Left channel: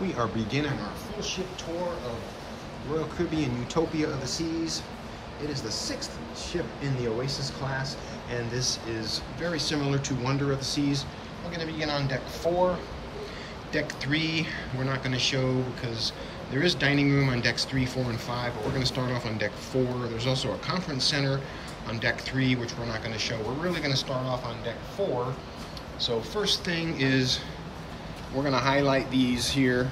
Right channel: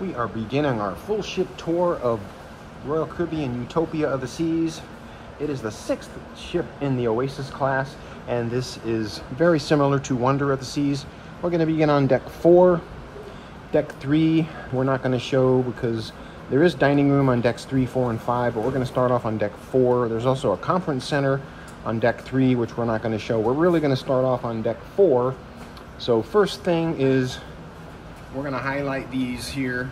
We are beginning our full ship tour of Royal Caribbean Utopia of the Seas. It is the 6th ship in the Oasis class, and this is very similar to Wonder of the Seas. We're going to begin on deck 4. Deck 3, we're not going to show because there is dining room on decks 3, 4, and 5, but we're going to start off on deck 4. There's also a conference center on deck 3, which we're not going to show. We're really going to start off on deck 4. So first thing is, we're going to highlight these here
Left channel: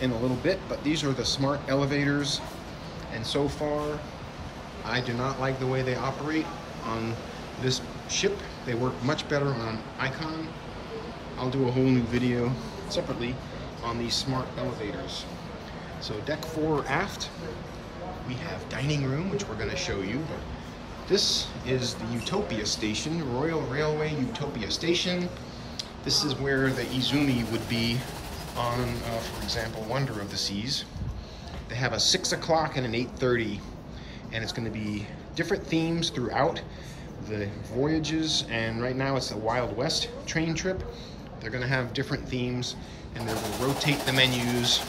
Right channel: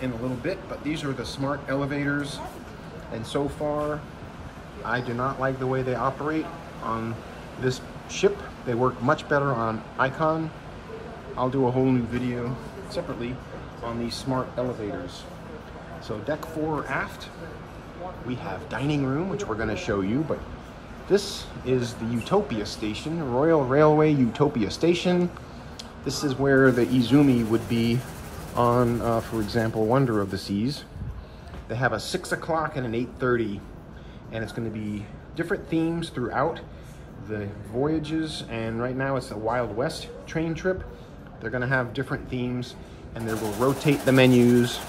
in a little bit, but these are the smart elevators, and so far I do not like the way they operate on this ship. They work much better on Icon. I'll do a whole new video separately on these smart elevators. So deck 4 aft, we have dining room, which we're going to show you, but this is the Utopia station, Royal Railway Utopia station. This is where the Izumi would be on, for example, Wonder of the Seas. They have a 6 o'clock and an 8:30, and it's going to be different themes throughout the voyages. And right now it's a Wild West train trip. They're going to have different themes, and they will rotate the menus.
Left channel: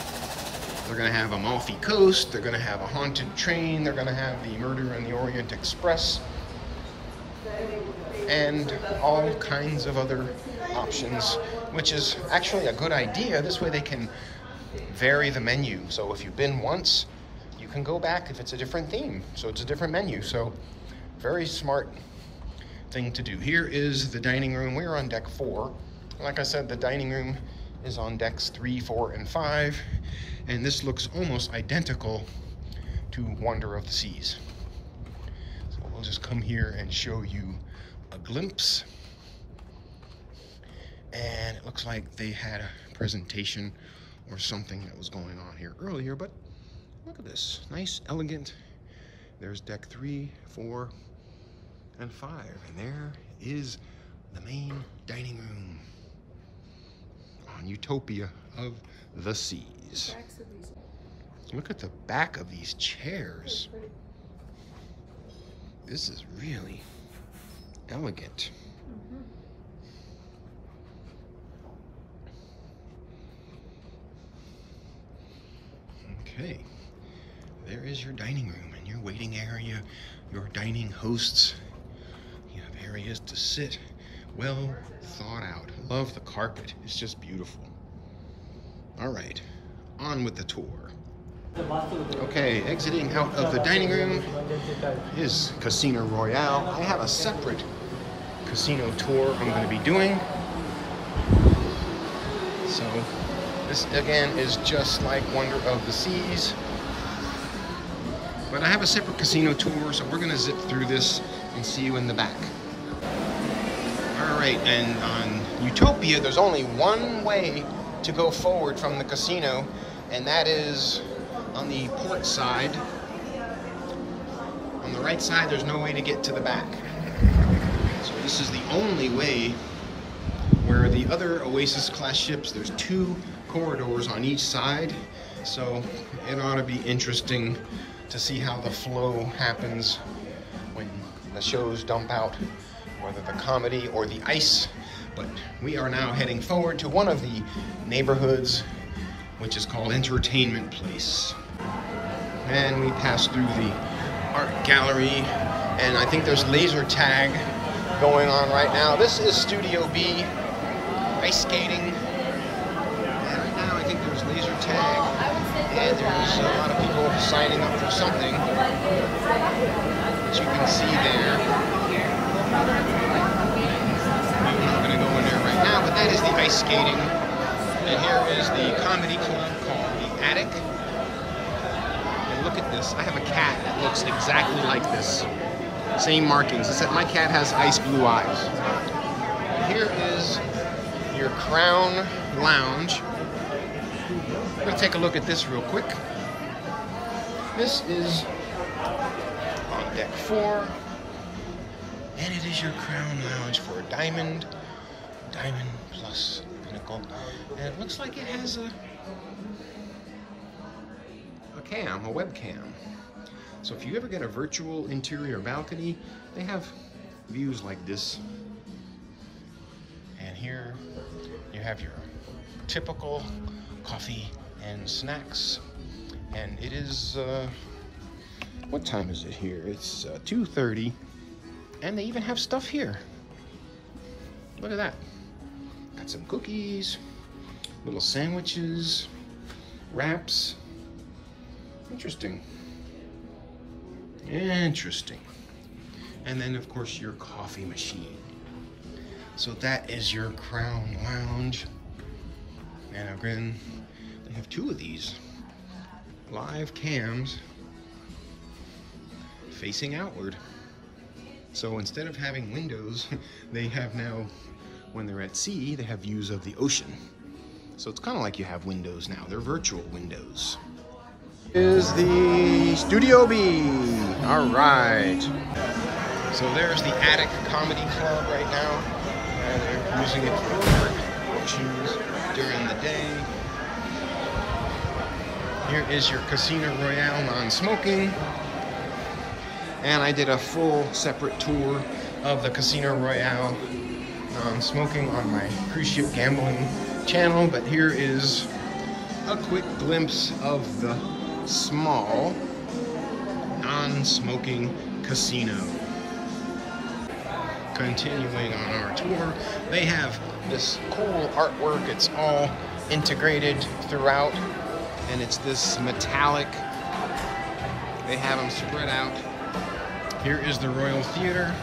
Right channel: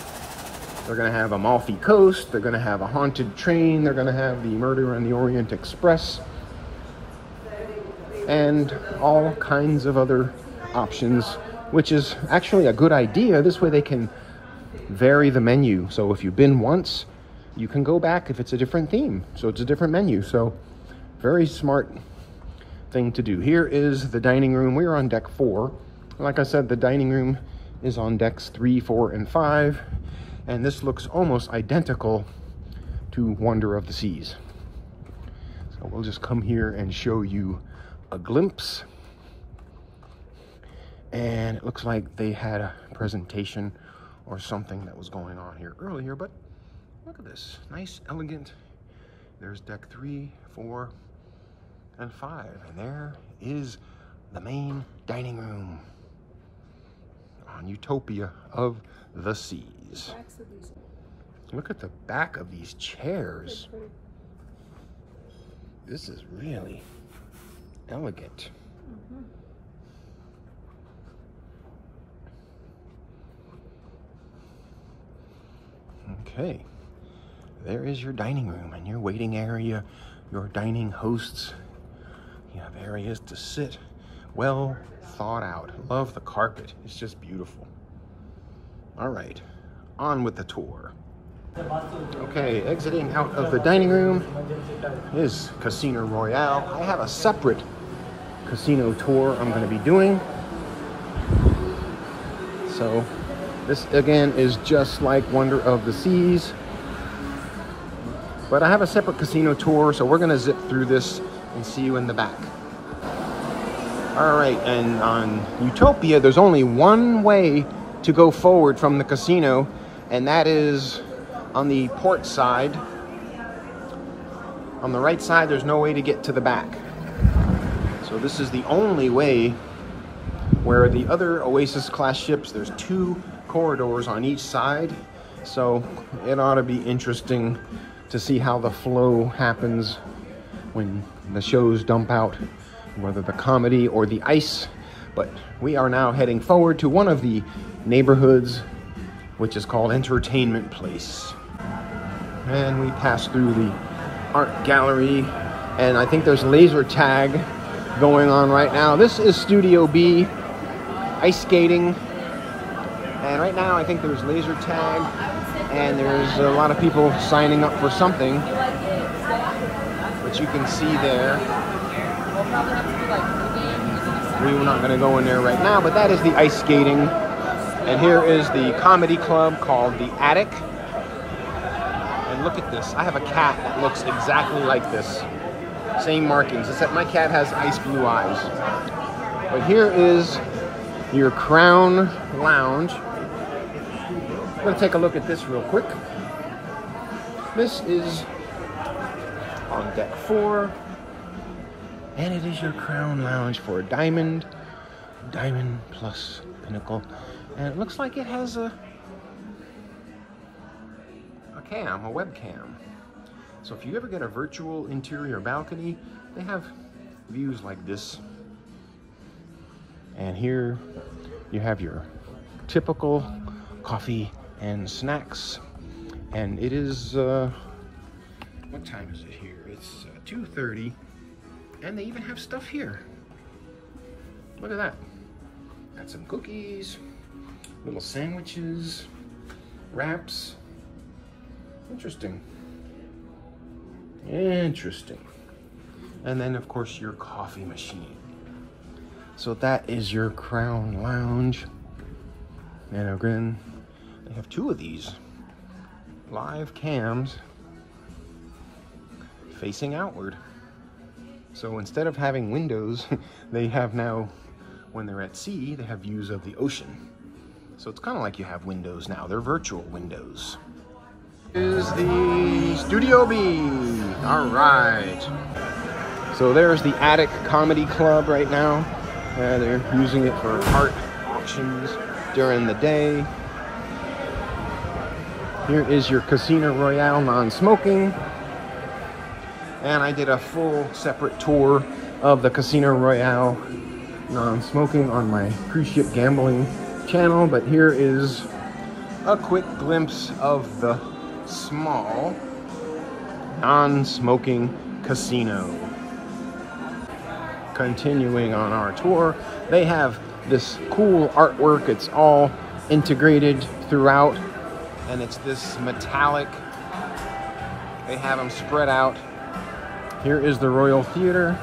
They're going to have Amalfi Coast. They're going to have a haunted train. They're going to have the Murder on the Orient Express, and all kinds of other options, which is actually a good idea. This way they can vary the menu. So if you've been once, you can go back if it's a different theme. So it's a different menu. So very smart thing to do. Here is the dining room. We're on deck 4. Like I said, the dining room is on decks 3, 4, and 5. And this looks almost identical to Wonder of the Seas. So we'll just come here and show you a glimpse. And it looks like they had a presentation or something that was going on here earlier, but look at this, nice, elegant. There's deck 3, 4, and 5, and there is the main dining room on Utopia of the Seas. Look at the back of these chairs. This is really elegant. Okay, there is your dining room and your waiting area, your dining hosts. You have areas to sit, well thought out. Love the carpet, it's just beautiful. All right, on with the tour. Okay, exiting out of the dining room is Casino Royale. I have a separate casino tour I'm going to be doing. So this again is just like Wonder of the Seas, but I have a separate casino tour, so we're going to zip through this and see you in the back. All right, and on Utopia, there's only one way to go forward from the casino, and that is on the port side. On the right side, there's no way to get to the back. So this is the only way, where the other Oasis class ships, there's 2 corridors on each side. So it ought to be interesting to see how the flow happens when the shows dump out, whether the comedy or the ice. But we are now heading forward to one of the neighborhoods, which is called Entertainment Place. And we pass through the art gallery, and I think there's laser tag going on right now. This is Studio B, ice skating. And right now I think there's laser tag, and there's a lot of people signing up for something, which you can see there. We're not going to go in there right now, but that is the ice skating. And here is the comedy club called The Attic. And look at this. I have a cat that looks exactly like this. Same markings, except my cat has ice blue eyes. But here is your Crown Lounge. I'm going to take a look at this real quick. This is on deck 4. And it is your Crown Lounge for a Diamond plus Pinnacle. And it looks like it has a webcam. So if you ever get a virtual interior balcony, they have views like this. And here you have your typical coffee and snacks. And it is, what time is it here? It's 2:30, and they even have stuff here. Look at that. Got some cookies, little sandwiches, wraps. Interesting. Interesting. And then, of course, your coffee machine. So that is your Crown Lounge. And again, they have two of these live cams facing outward. So instead of having windows, they have now, when they're at sea, they have views of the ocean. So it's kind of like you have windows now. They're virtual windows. Is the Studio B. All right. So there's the Attic Comedy Club right now. They're using it for art auctions during the day. Here is your Casino Royale non-smoking. And I did a full separate tour of the Casino Royale non-smoking on my cruise ship gambling channel. But here is a quick glimpse of the small non-smoking casino. Continuing on our tour, they have this cool artwork. It's all integrated throughout, and it's this metallic. They have them spread out. Here is the Royal Theater.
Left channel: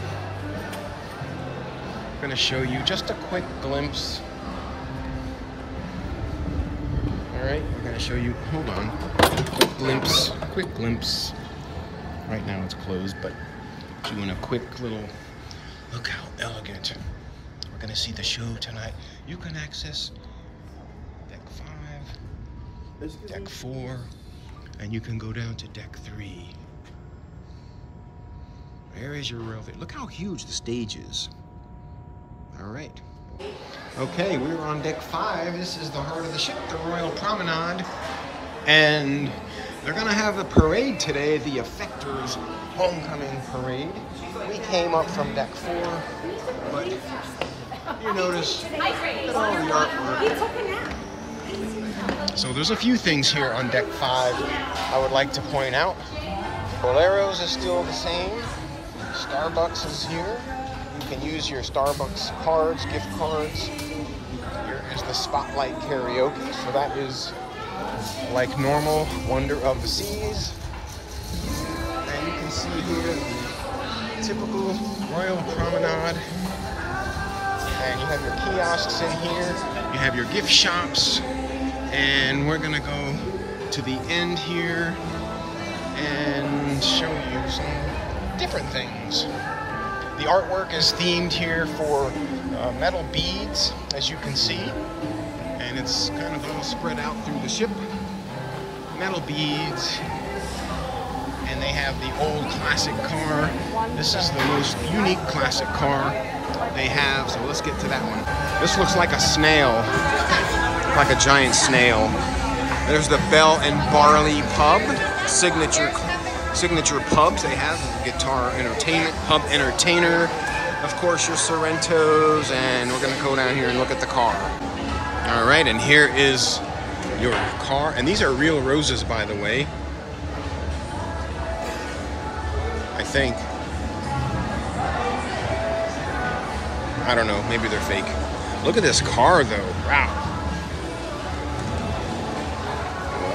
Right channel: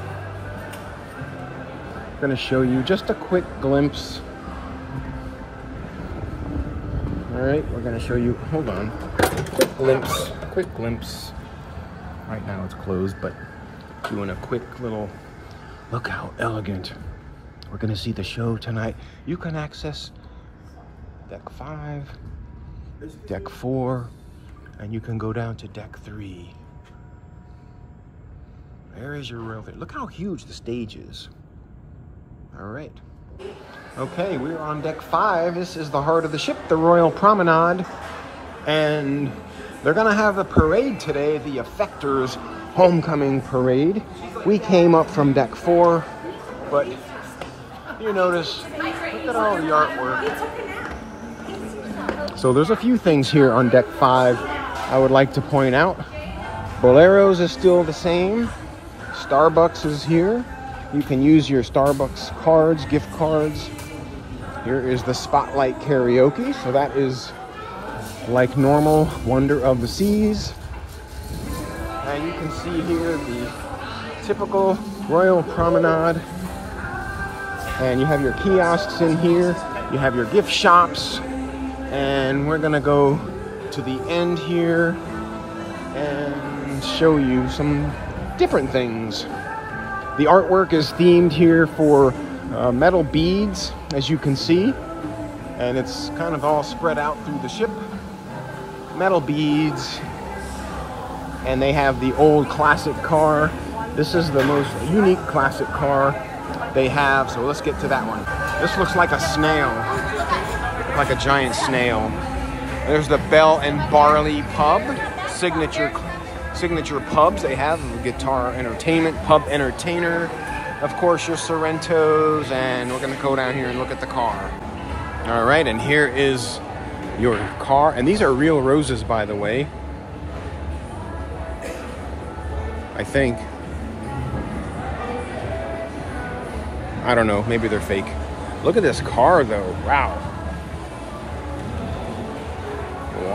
I'm going to show you just a quick glimpse. All right, we're going to show you, hold on, quick glimpse. Right now it's closed, but doing a quick little, look how elegant. We're going to see the show tonight. You can access deck 5, deck 4, and you can go down to deck 3. There is your Royal Theater. Look how huge the stage is. All right. Okay, we're on deck 5. This is the heart of the ship, the Royal Promenade. And they're gonna have a parade today, the Effectors Homecoming Parade. We came up from deck 4, but you notice, look at all the artwork. So there's a few things here on deck 5 I would like to point out. Bolero's is still the same. Starbucks is here. You can use your Starbucks cards, gift cards. Here is the Spotlight Karaoke. So that is like normal, Wonder of the Seas. And you can see here the typical Royal Promenade. And you have your kiosks in here. You have your gift shops. And we're gonna go to the end here and show you some different things. The artwork is themed here for metal beads, as you can see, and it's kind of all spread out through the ship. Metal beads, and they have the old classic car. This is the most unique classic car they have, so let's get to that one. This looks like a snail, like a giant snail. There's the Bell and Barley Pub, signature pubs they have. Guitar Entertainment, Pub Entertainer, of course your Sorrentos, and we're gonna go down here and look at the car. All right, and here is your car, and these are real roses, by the way. I think. I don't know, maybe they're fake. Look at this car though, wow.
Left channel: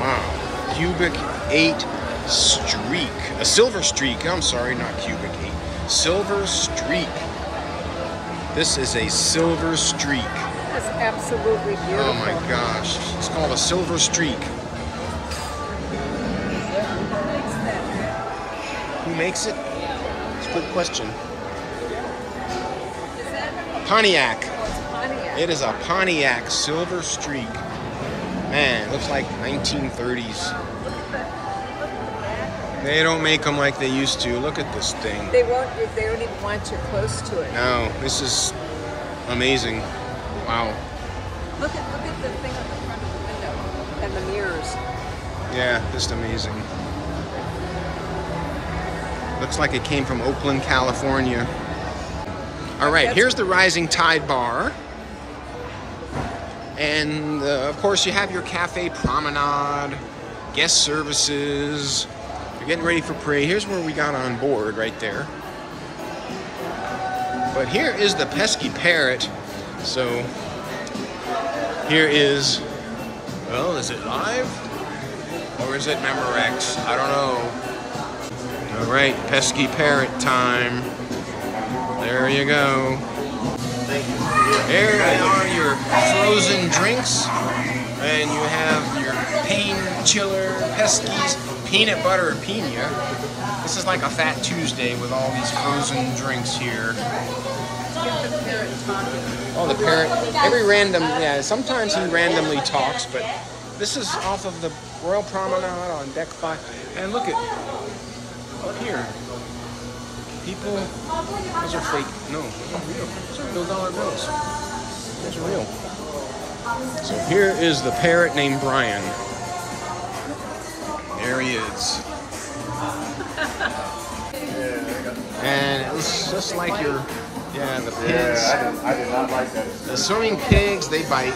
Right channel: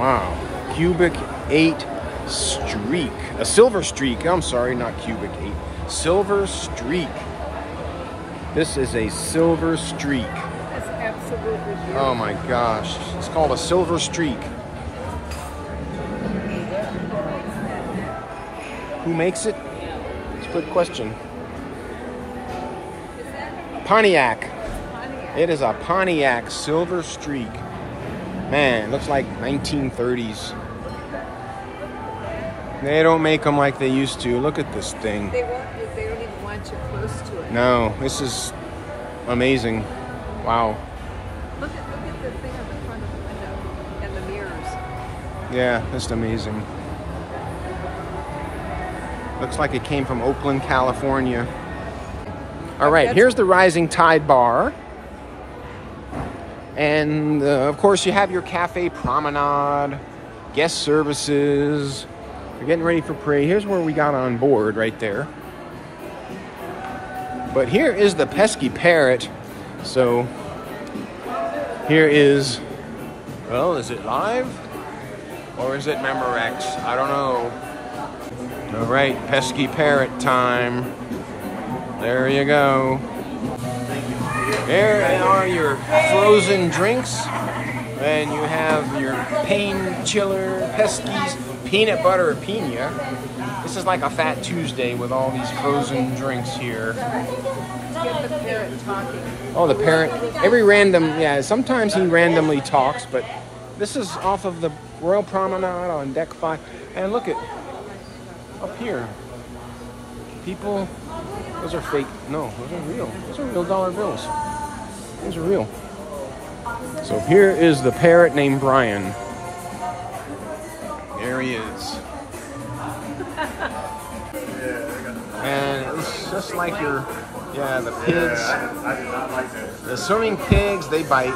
Wow, Cubic 8 Streak, a Silver Streak, I'm sorry, not Cubic 8, Silver Streak. This is a Silver Streak. That's absolutely beautiful. Oh my gosh, it's called a Silver Streak. Who makes it? It's a good question. Pontiac. It is a Pontiac Silver Streak. Man, it looks like 1930s. They don't make them like they used to. Look at this thing. They don't even want you close to it. No, this is amazing. Wow. Look at the thing on the front of the window and the mirrors. Yeah, just amazing. Looks like it came from Oakland, California. All right, here's the Rising Tide Bar. And of course you have your cafe promenade, guest services. You're getting ready for parade. Here's where we got on board right there. But here is the pesky parrot. So here is, well, is it live? Or is it Memorex? I don't know. All right, pesky parrot time. There you go. Here are your frozen drinks. And you have your pain chiller, Pesky's peanut butter pina. This is like a Fat Tuesday with all these frozen drinks here. Oh, the parrot. Every random, yeah, sometimes he randomly talks, but this is off of the Royal Promenade on deck 5. And look at, up here, people, those are fake, no, those are real. Those are real dollar bills. Those are real. So here is the parrot named Brian. There he is. And it looks just like your, yeah, the pigs. The swimming pigs, they bite.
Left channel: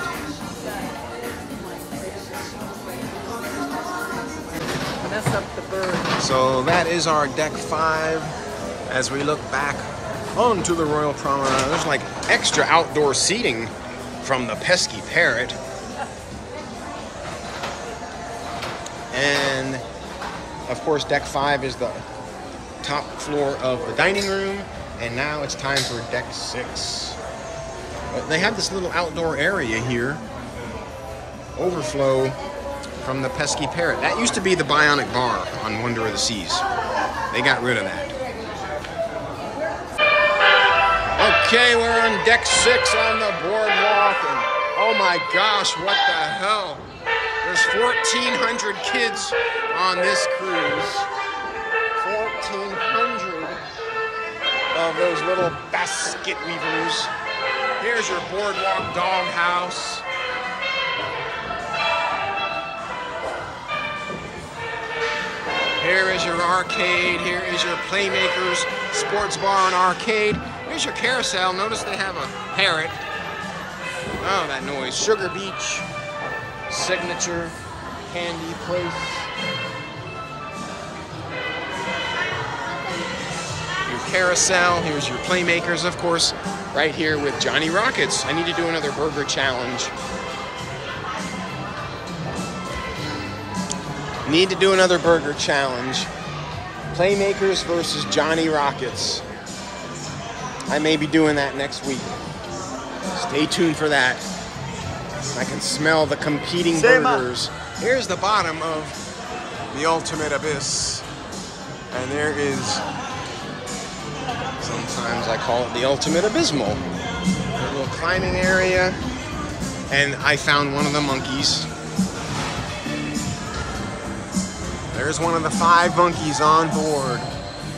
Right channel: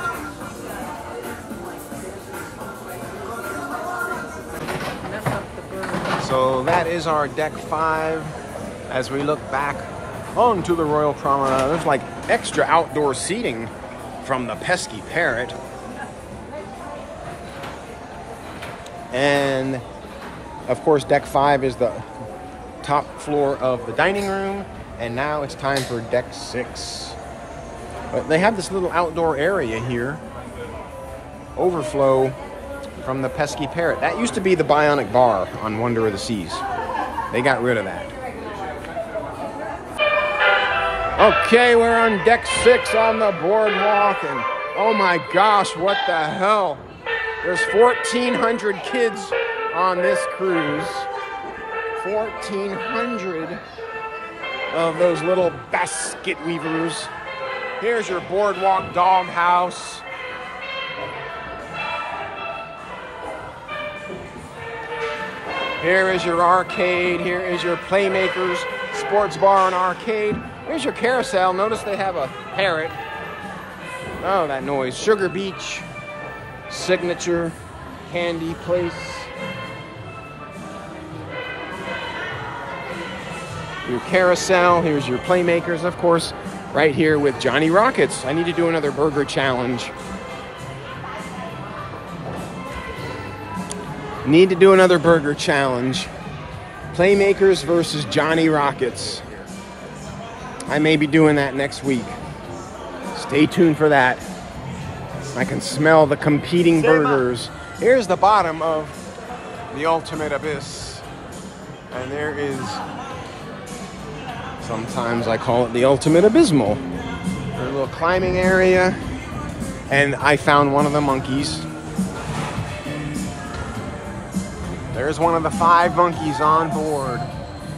So that is our deck 5 as we look back onto the Royal Promenade. There's like extra outdoor seating from the pesky parrot. And of course deck 5 is the top floor of the dining room, and now it's time for deck 6. But they have this little outdoor area here, overflow from the pesky parrot. That used to be the Bionic Bar on Wonder of the Seas. They got rid of that. Okay, we're on deck 6 on the boardwalk, and oh my gosh, what the hell? There's 1,400 kids on this cruise. 1,400 of those little basket weavers. Here's your boardwalk doghouse. Here is your arcade. Here is your Playmakers sports bar and arcade. Here's your carousel. Notice they have a parrot. Oh, that noise. Sugar Beach, Signature, Candy Place. Your carousel. Here's your Playmakers, of course, right here with Johnny Rockets. I need to do another burger challenge. Need to do another burger challenge. Playmakers versus Johnny Rockets. I may be doing that next week. Stay tuned for that. I can smell the competing burgers. Here's the bottom of the ultimate abyss. And there is, sometimes I call it the ultimate abysmal. There's a little climbing area. And I found one of the monkeys. There's one of the 5 monkeys on board.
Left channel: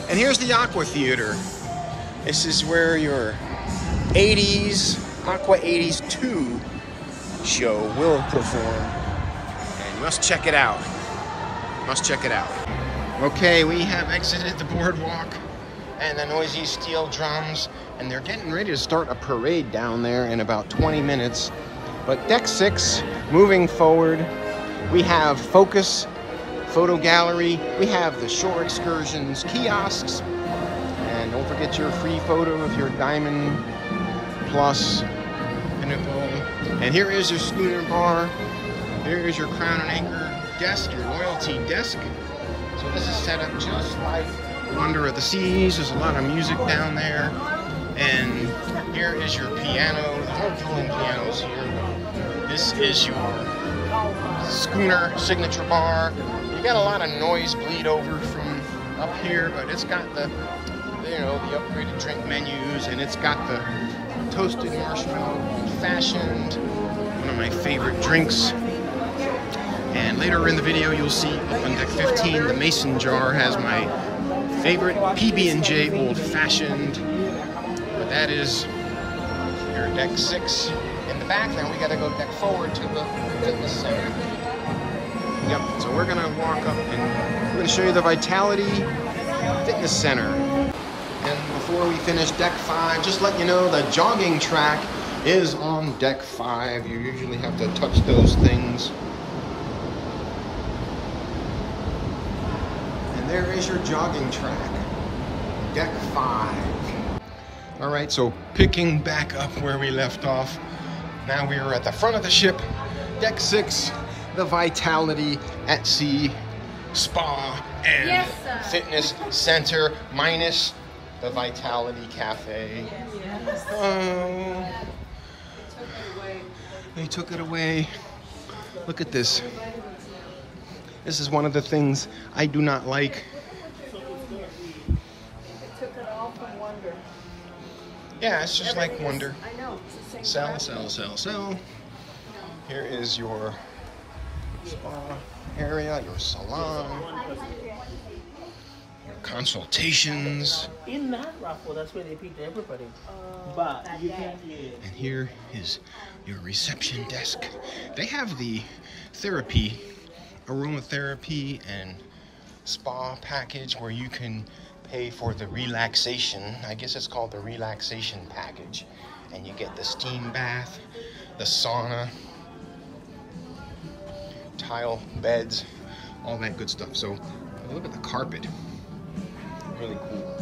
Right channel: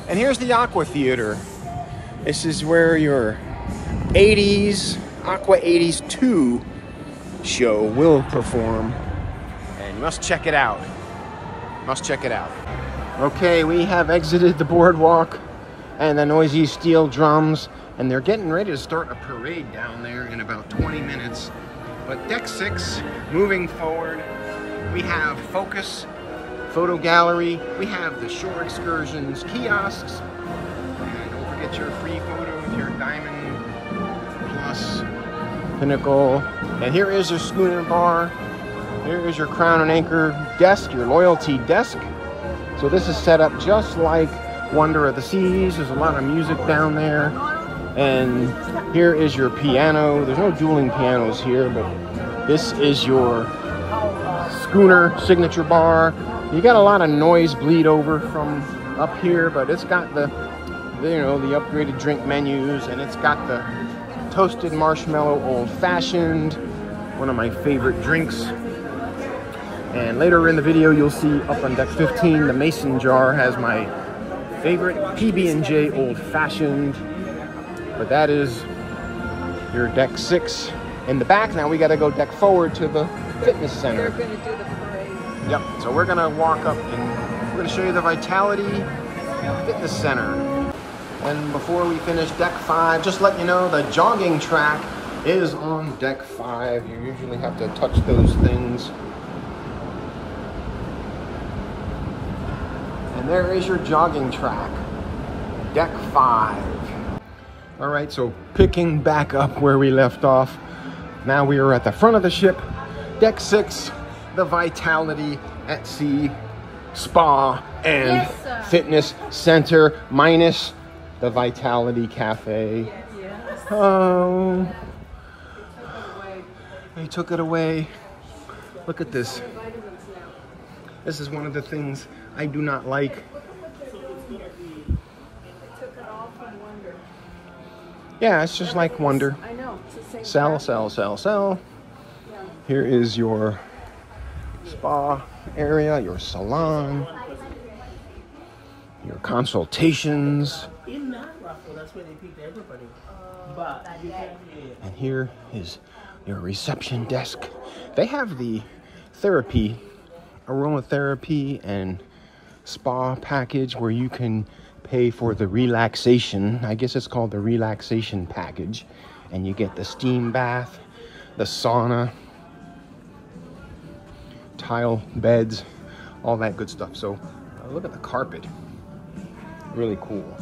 And here's the Aqua Theater. This is where your 80s, Aqua 80s 2 show will perform. And you must check it out. Must check it out. Okay, we have exited the boardwalk and the noisy steel drums. And they're getting ready to start a parade down there in about 20 minutes. But deck 6, moving forward, we have Focus Photo Gallery. We have the shore excursions kiosks, and don't forget your free photo with your Diamond Plus Pinnacle. And here is your schooner bar. Here is your Crown and Anchor desk, your loyalty desk. So this is set up just like Wonder of the Seas. There's a lot of music down there. And here is your piano. There's no dueling pianos here, but this is your schooner signature bar. You got a lot of noise bleed over from up here, but it's got the, you know, the upgraded drink menus, and it's got the toasted marshmallow old fashioned, one of my favorite drinks. And later in the video, you'll see up on deck 15, the mason jar has my favorite PB&J old fashioned. But that is your deck 6 in the back. Now we got to go deck forward to the fitness center. Yep, so we're gonna walk up and we're gonna show you the Vitality Fitness Center. And before we finish deck 5, just let you know the jogging track is on deck 5. You usually have to touch those things. And there is your jogging track, deck 5. All right, so picking back up where we left off, now we are at the front of the ship, deck 6, the Vitality at Sea Spa and Fitness Center, minus the Vitality Cafe. Yes. Oh, they took it away. Look at this. This is one of the things I do not like. Yeah, it's just like Wonder. I know. It's the same Sell. Here is your spa area, your salon, your consultations. In that raffle, that's where they picked everybody. But you can't. And here is your reception desk. They have the therapy, aromatherapy and spa package where you can pay for the relaxation. I guess it's called the relaxation package. And you get the steam bath, the sauna, tile beds, all that good stuff. So look at the carpet. Really cool.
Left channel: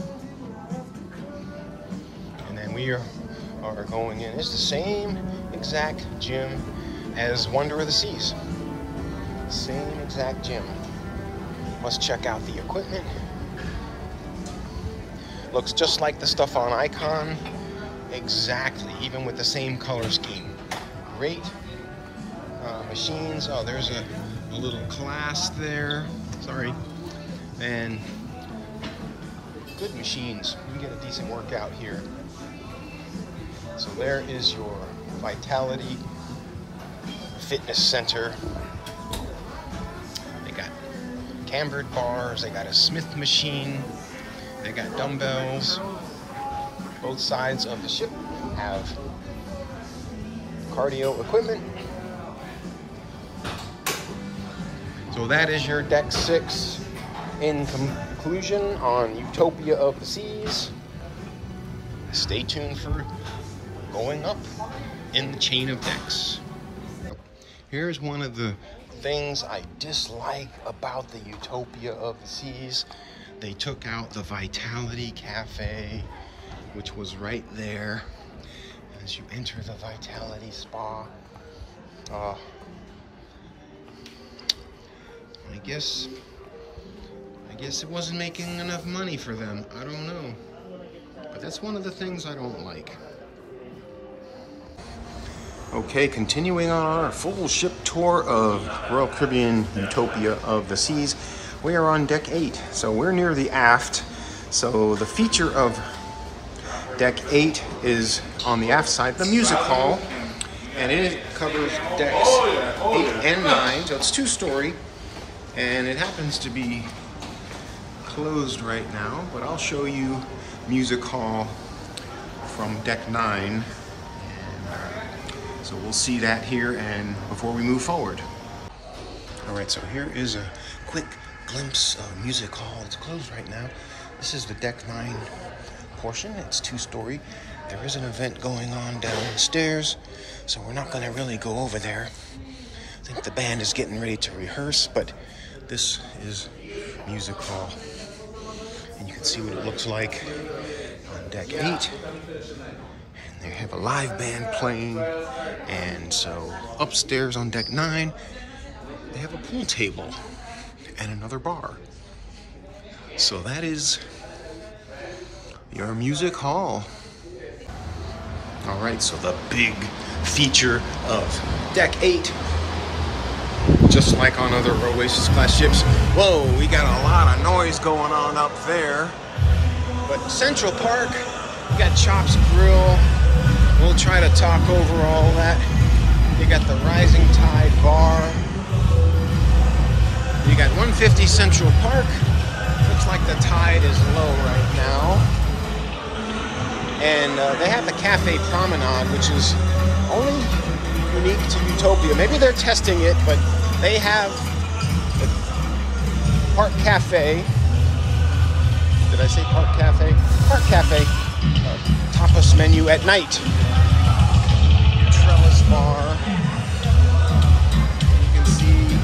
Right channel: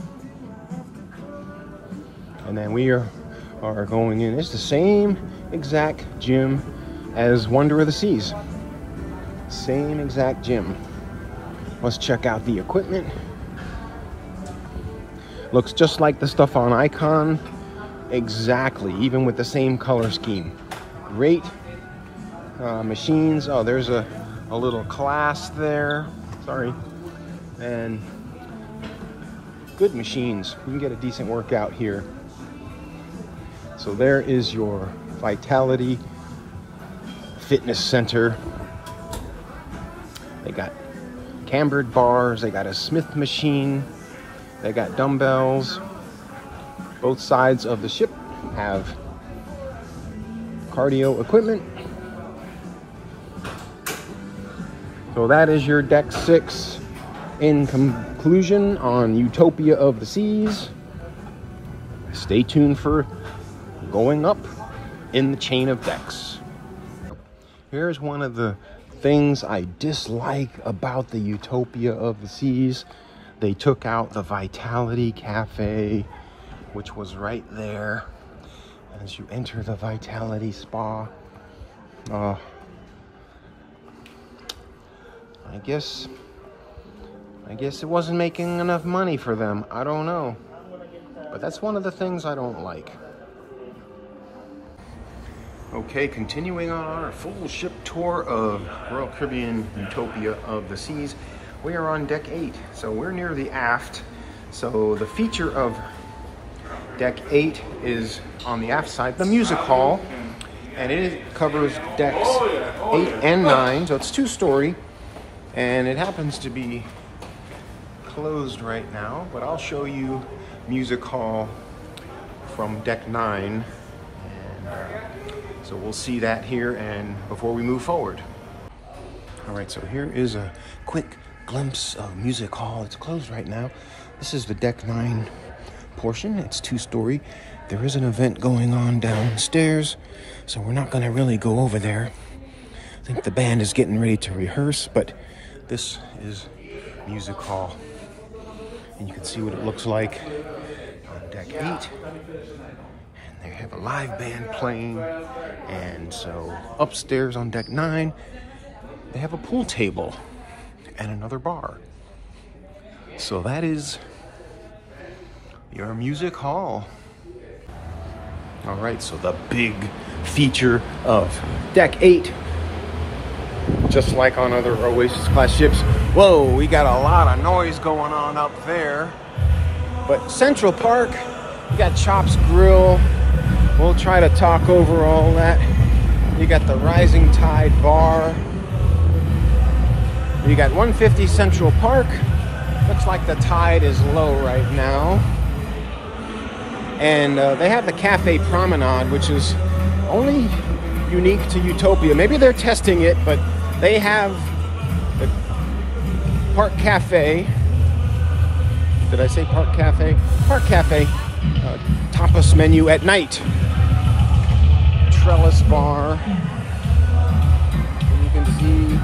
And then we are going in. It's the same exact gym as Wonder of the Seas. Same exact gym. Let's check out the equipment. Looks just like the stuff on Icon. Exactly, even with the same color scheme. Great machines. Oh, there's a little class there. Sorry. And good machines. You can get a decent workout here. So there is your Vitality Fitness Center. They got cambered bars. They got a Smith machine. They got dumbbells. Both sides of the ship have cardio equipment. So that is your deck 6 in conclusion on Utopia of the Seas. Stay tuned for going up in the chain of decks. Here's one of the things I dislike about the Utopia of the Seas. They took out the Vitality Cafe, which was right there as you enter the Vitality Spa. I guess it wasn't making enough money for them. I don't know. But that's one of the things I don't like. Okay, continuing on our full ship tour of Royal Caribbean Utopia of the Seas. We are on deck 8, so we're near the aft. So the feature of deck 8 is on the aft side, the music hall, and it covers decks 8 and 9, so it's 2-story, and it happens to be closed right now, but I'll show you music hall from deck 9, and so we'll see that here and before we move forward. All right, so here is a quick glimpse of music hall. It's closed right now. This is the deck 9 portion. It's 2-story. There is an event going on downstairs, so we're not going to really go over there. I think the band is getting ready to rehearse, but this is music hall. And you can see what it looks like on deck 8. And they have a live band playing. And so upstairs on deck 9, they have a pool table and another bar. So that is your music hall. All right, so the big feature of deck 8, just like on other Oasis class ships. Whoa, we got a lot of noise going on up there. But Central Park, you got Chops Grill. We'll try to talk over all that. You got the Rising Tide Bar. You got 150 Central Park. Looks like the tide is low right now. And they have the Cafe Promenade, which is only unique to Utopia. Maybe they're testing it, but they have the Park Cafe. Did I say Park Cafe? Park Cafe tapas menu at night. trellis bar. And you can see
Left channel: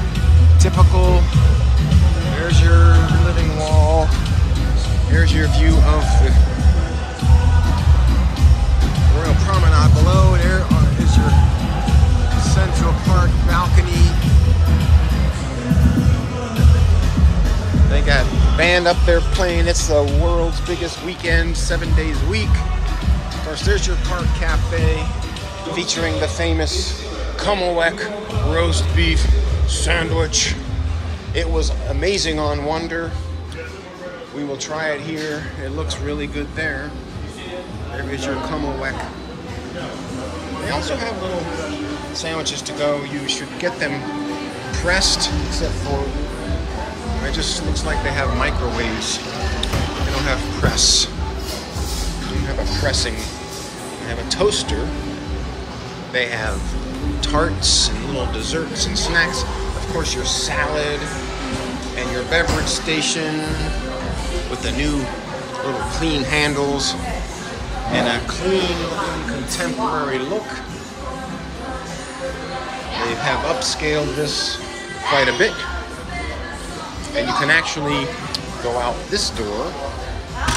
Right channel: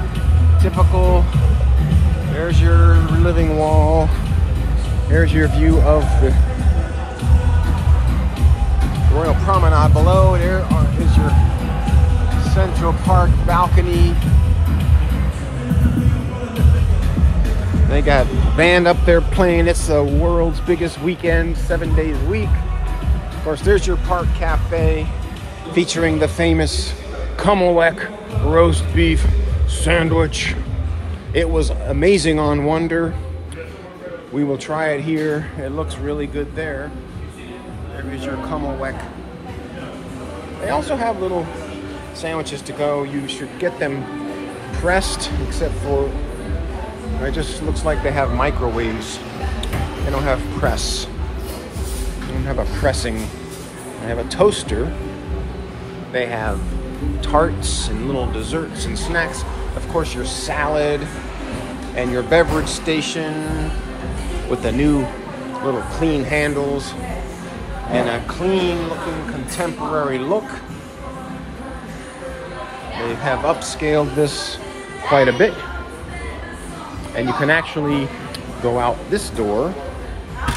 typical, there's your living wall. There's your view of the Royal Promenade below. There is your Central Park balcony. They got a band up there playing. It's the world's biggest weekend, 7 days a week. Of course, there's your park cafe featuring the famous Kummelweck roast beef sandwich. It was amazing on Wonder. We will try it here. It looks really good there. There is your Kummelweck. They also have little sandwiches to go. You should get them pressed, except for it just looks like they have microwaves. They don't have press. They don't have a pressing. They have a toaster. They have tarts and little desserts and snacks. Of course, your salad and your beverage station with the new little clean handles and a clean looking contemporary look. They have upscaled this quite a bit. And you can actually go out this door.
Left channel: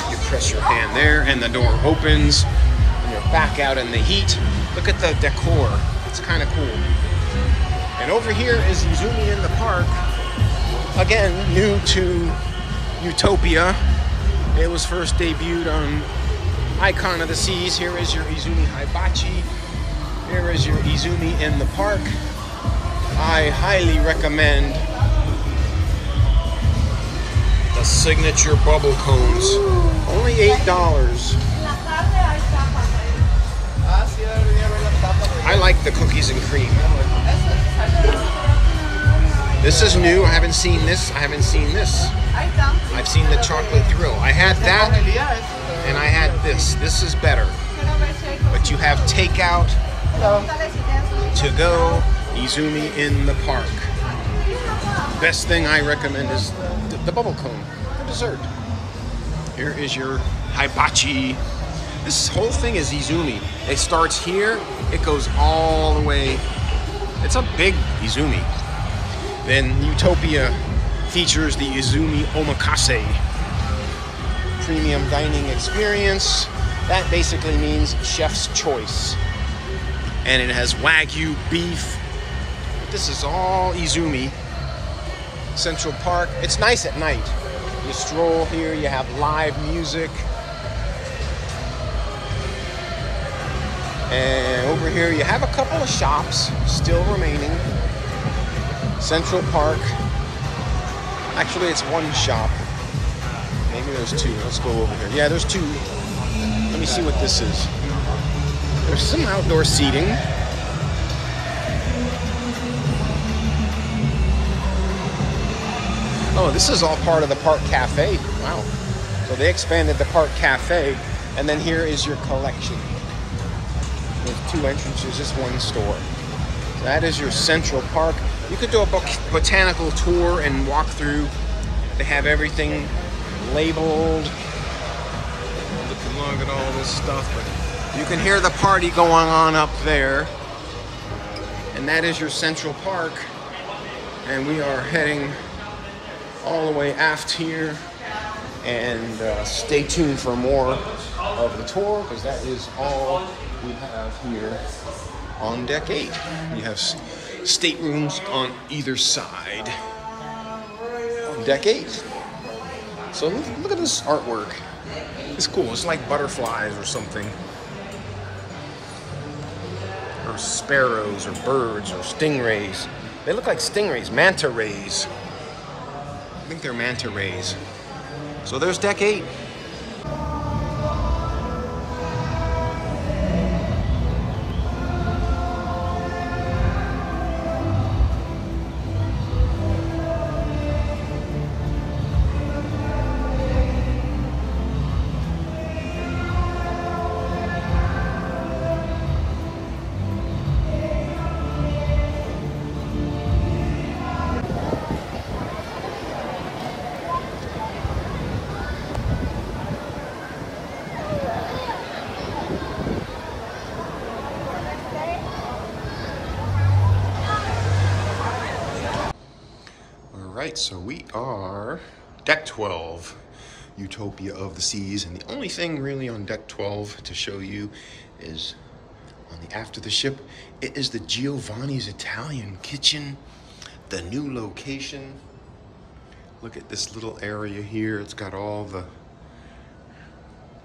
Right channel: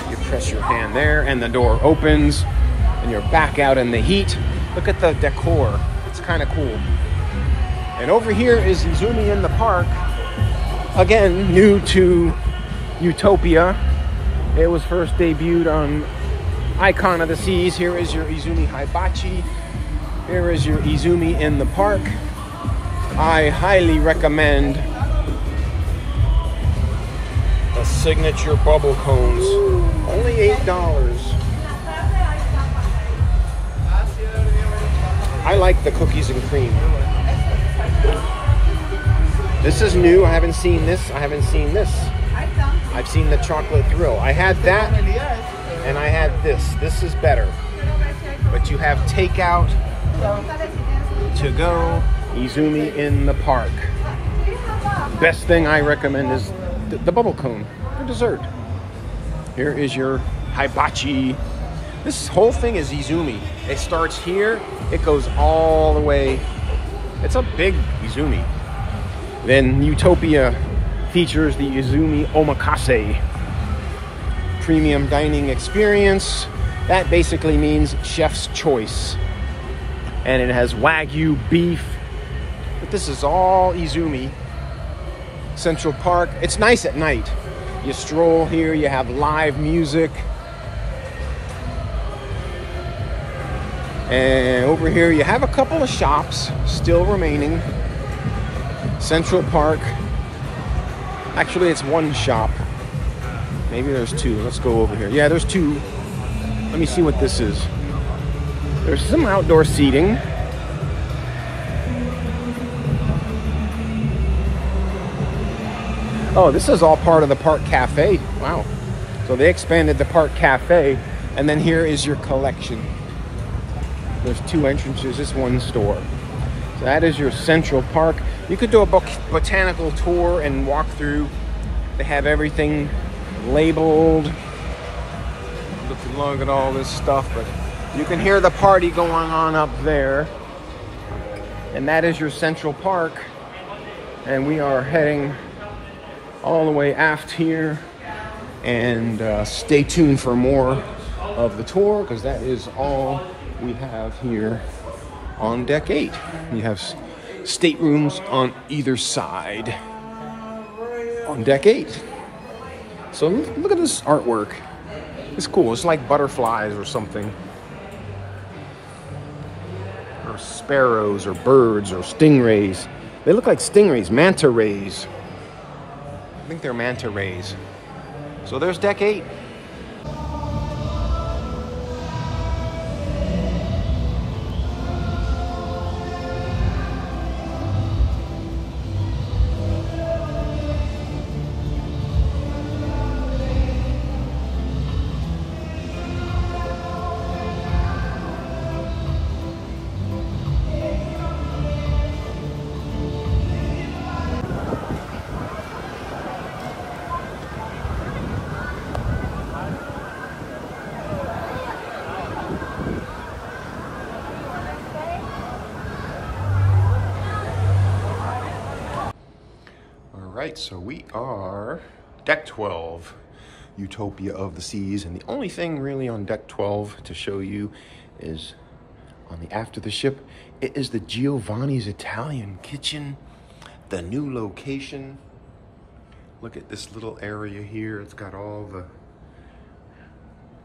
You press your hand there and the door opens and you're back out in the heat. Look at the decor. It's kind of cool. And over here is Izumi in the park. Again, new to Utopia. It was first debuted on Icon of the Seas. Here is your Izumi Hibachi. Here is your Izumi in the park. I highly recommend the signature bubble cones. Only $8. I like the cookies and cream. This is new. I haven't seen this. I haven't seen this. I've seen the chocolate thrill. I had that and I had this. This is better. But you have takeout, to go, Izumi in the park. Best thing I recommend is the bubble cone for dessert. Here is your hibachi. This whole thing is Izumi. It starts here, it goes all the way. It's a big Izumi. Then Utopia features the Izumi Omakase premium dining experience. That basically means chef's choice. And it has Wagyu beef. But this is all Izumi. Central Park. It's nice at night. You stroll here, you have live music. And over here you have a couple of shops still remaining. Central Park. Actually, it's one shop. Maybe there's two. Let's go over here. Yeah, there's two. Let me see what this is. There's some outdoor seating. Oh, this is all part of the Park Cafe. Wow. So they expanded the Park Cafe, and then here is your collection. There's two entrances, just one store. So that is your Central Park. You could do a botanical tour and walk through. They have everything labeled. Looking long at all this stuff, but you can hear the party going on up there. And that is your Central Park. And we are heading all the way aft here. And stay tuned for more of the tour, because that is all we have here on deck 8. We have staterooms on either side on deck 8. So look at this artwork. It's cool. It's like butterflies or something. Or sparrows or birds or stingrays. They look like stingrays, manta rays. I think they're manta rays. So there's deck 8. right, so we are deck 12, Utopia of the Seas, and the only thing really on deck 12 to show you is on the aft of the ship. It is the Giovanni's Italian kitchen, the new location. Look at this little area here. It's got all the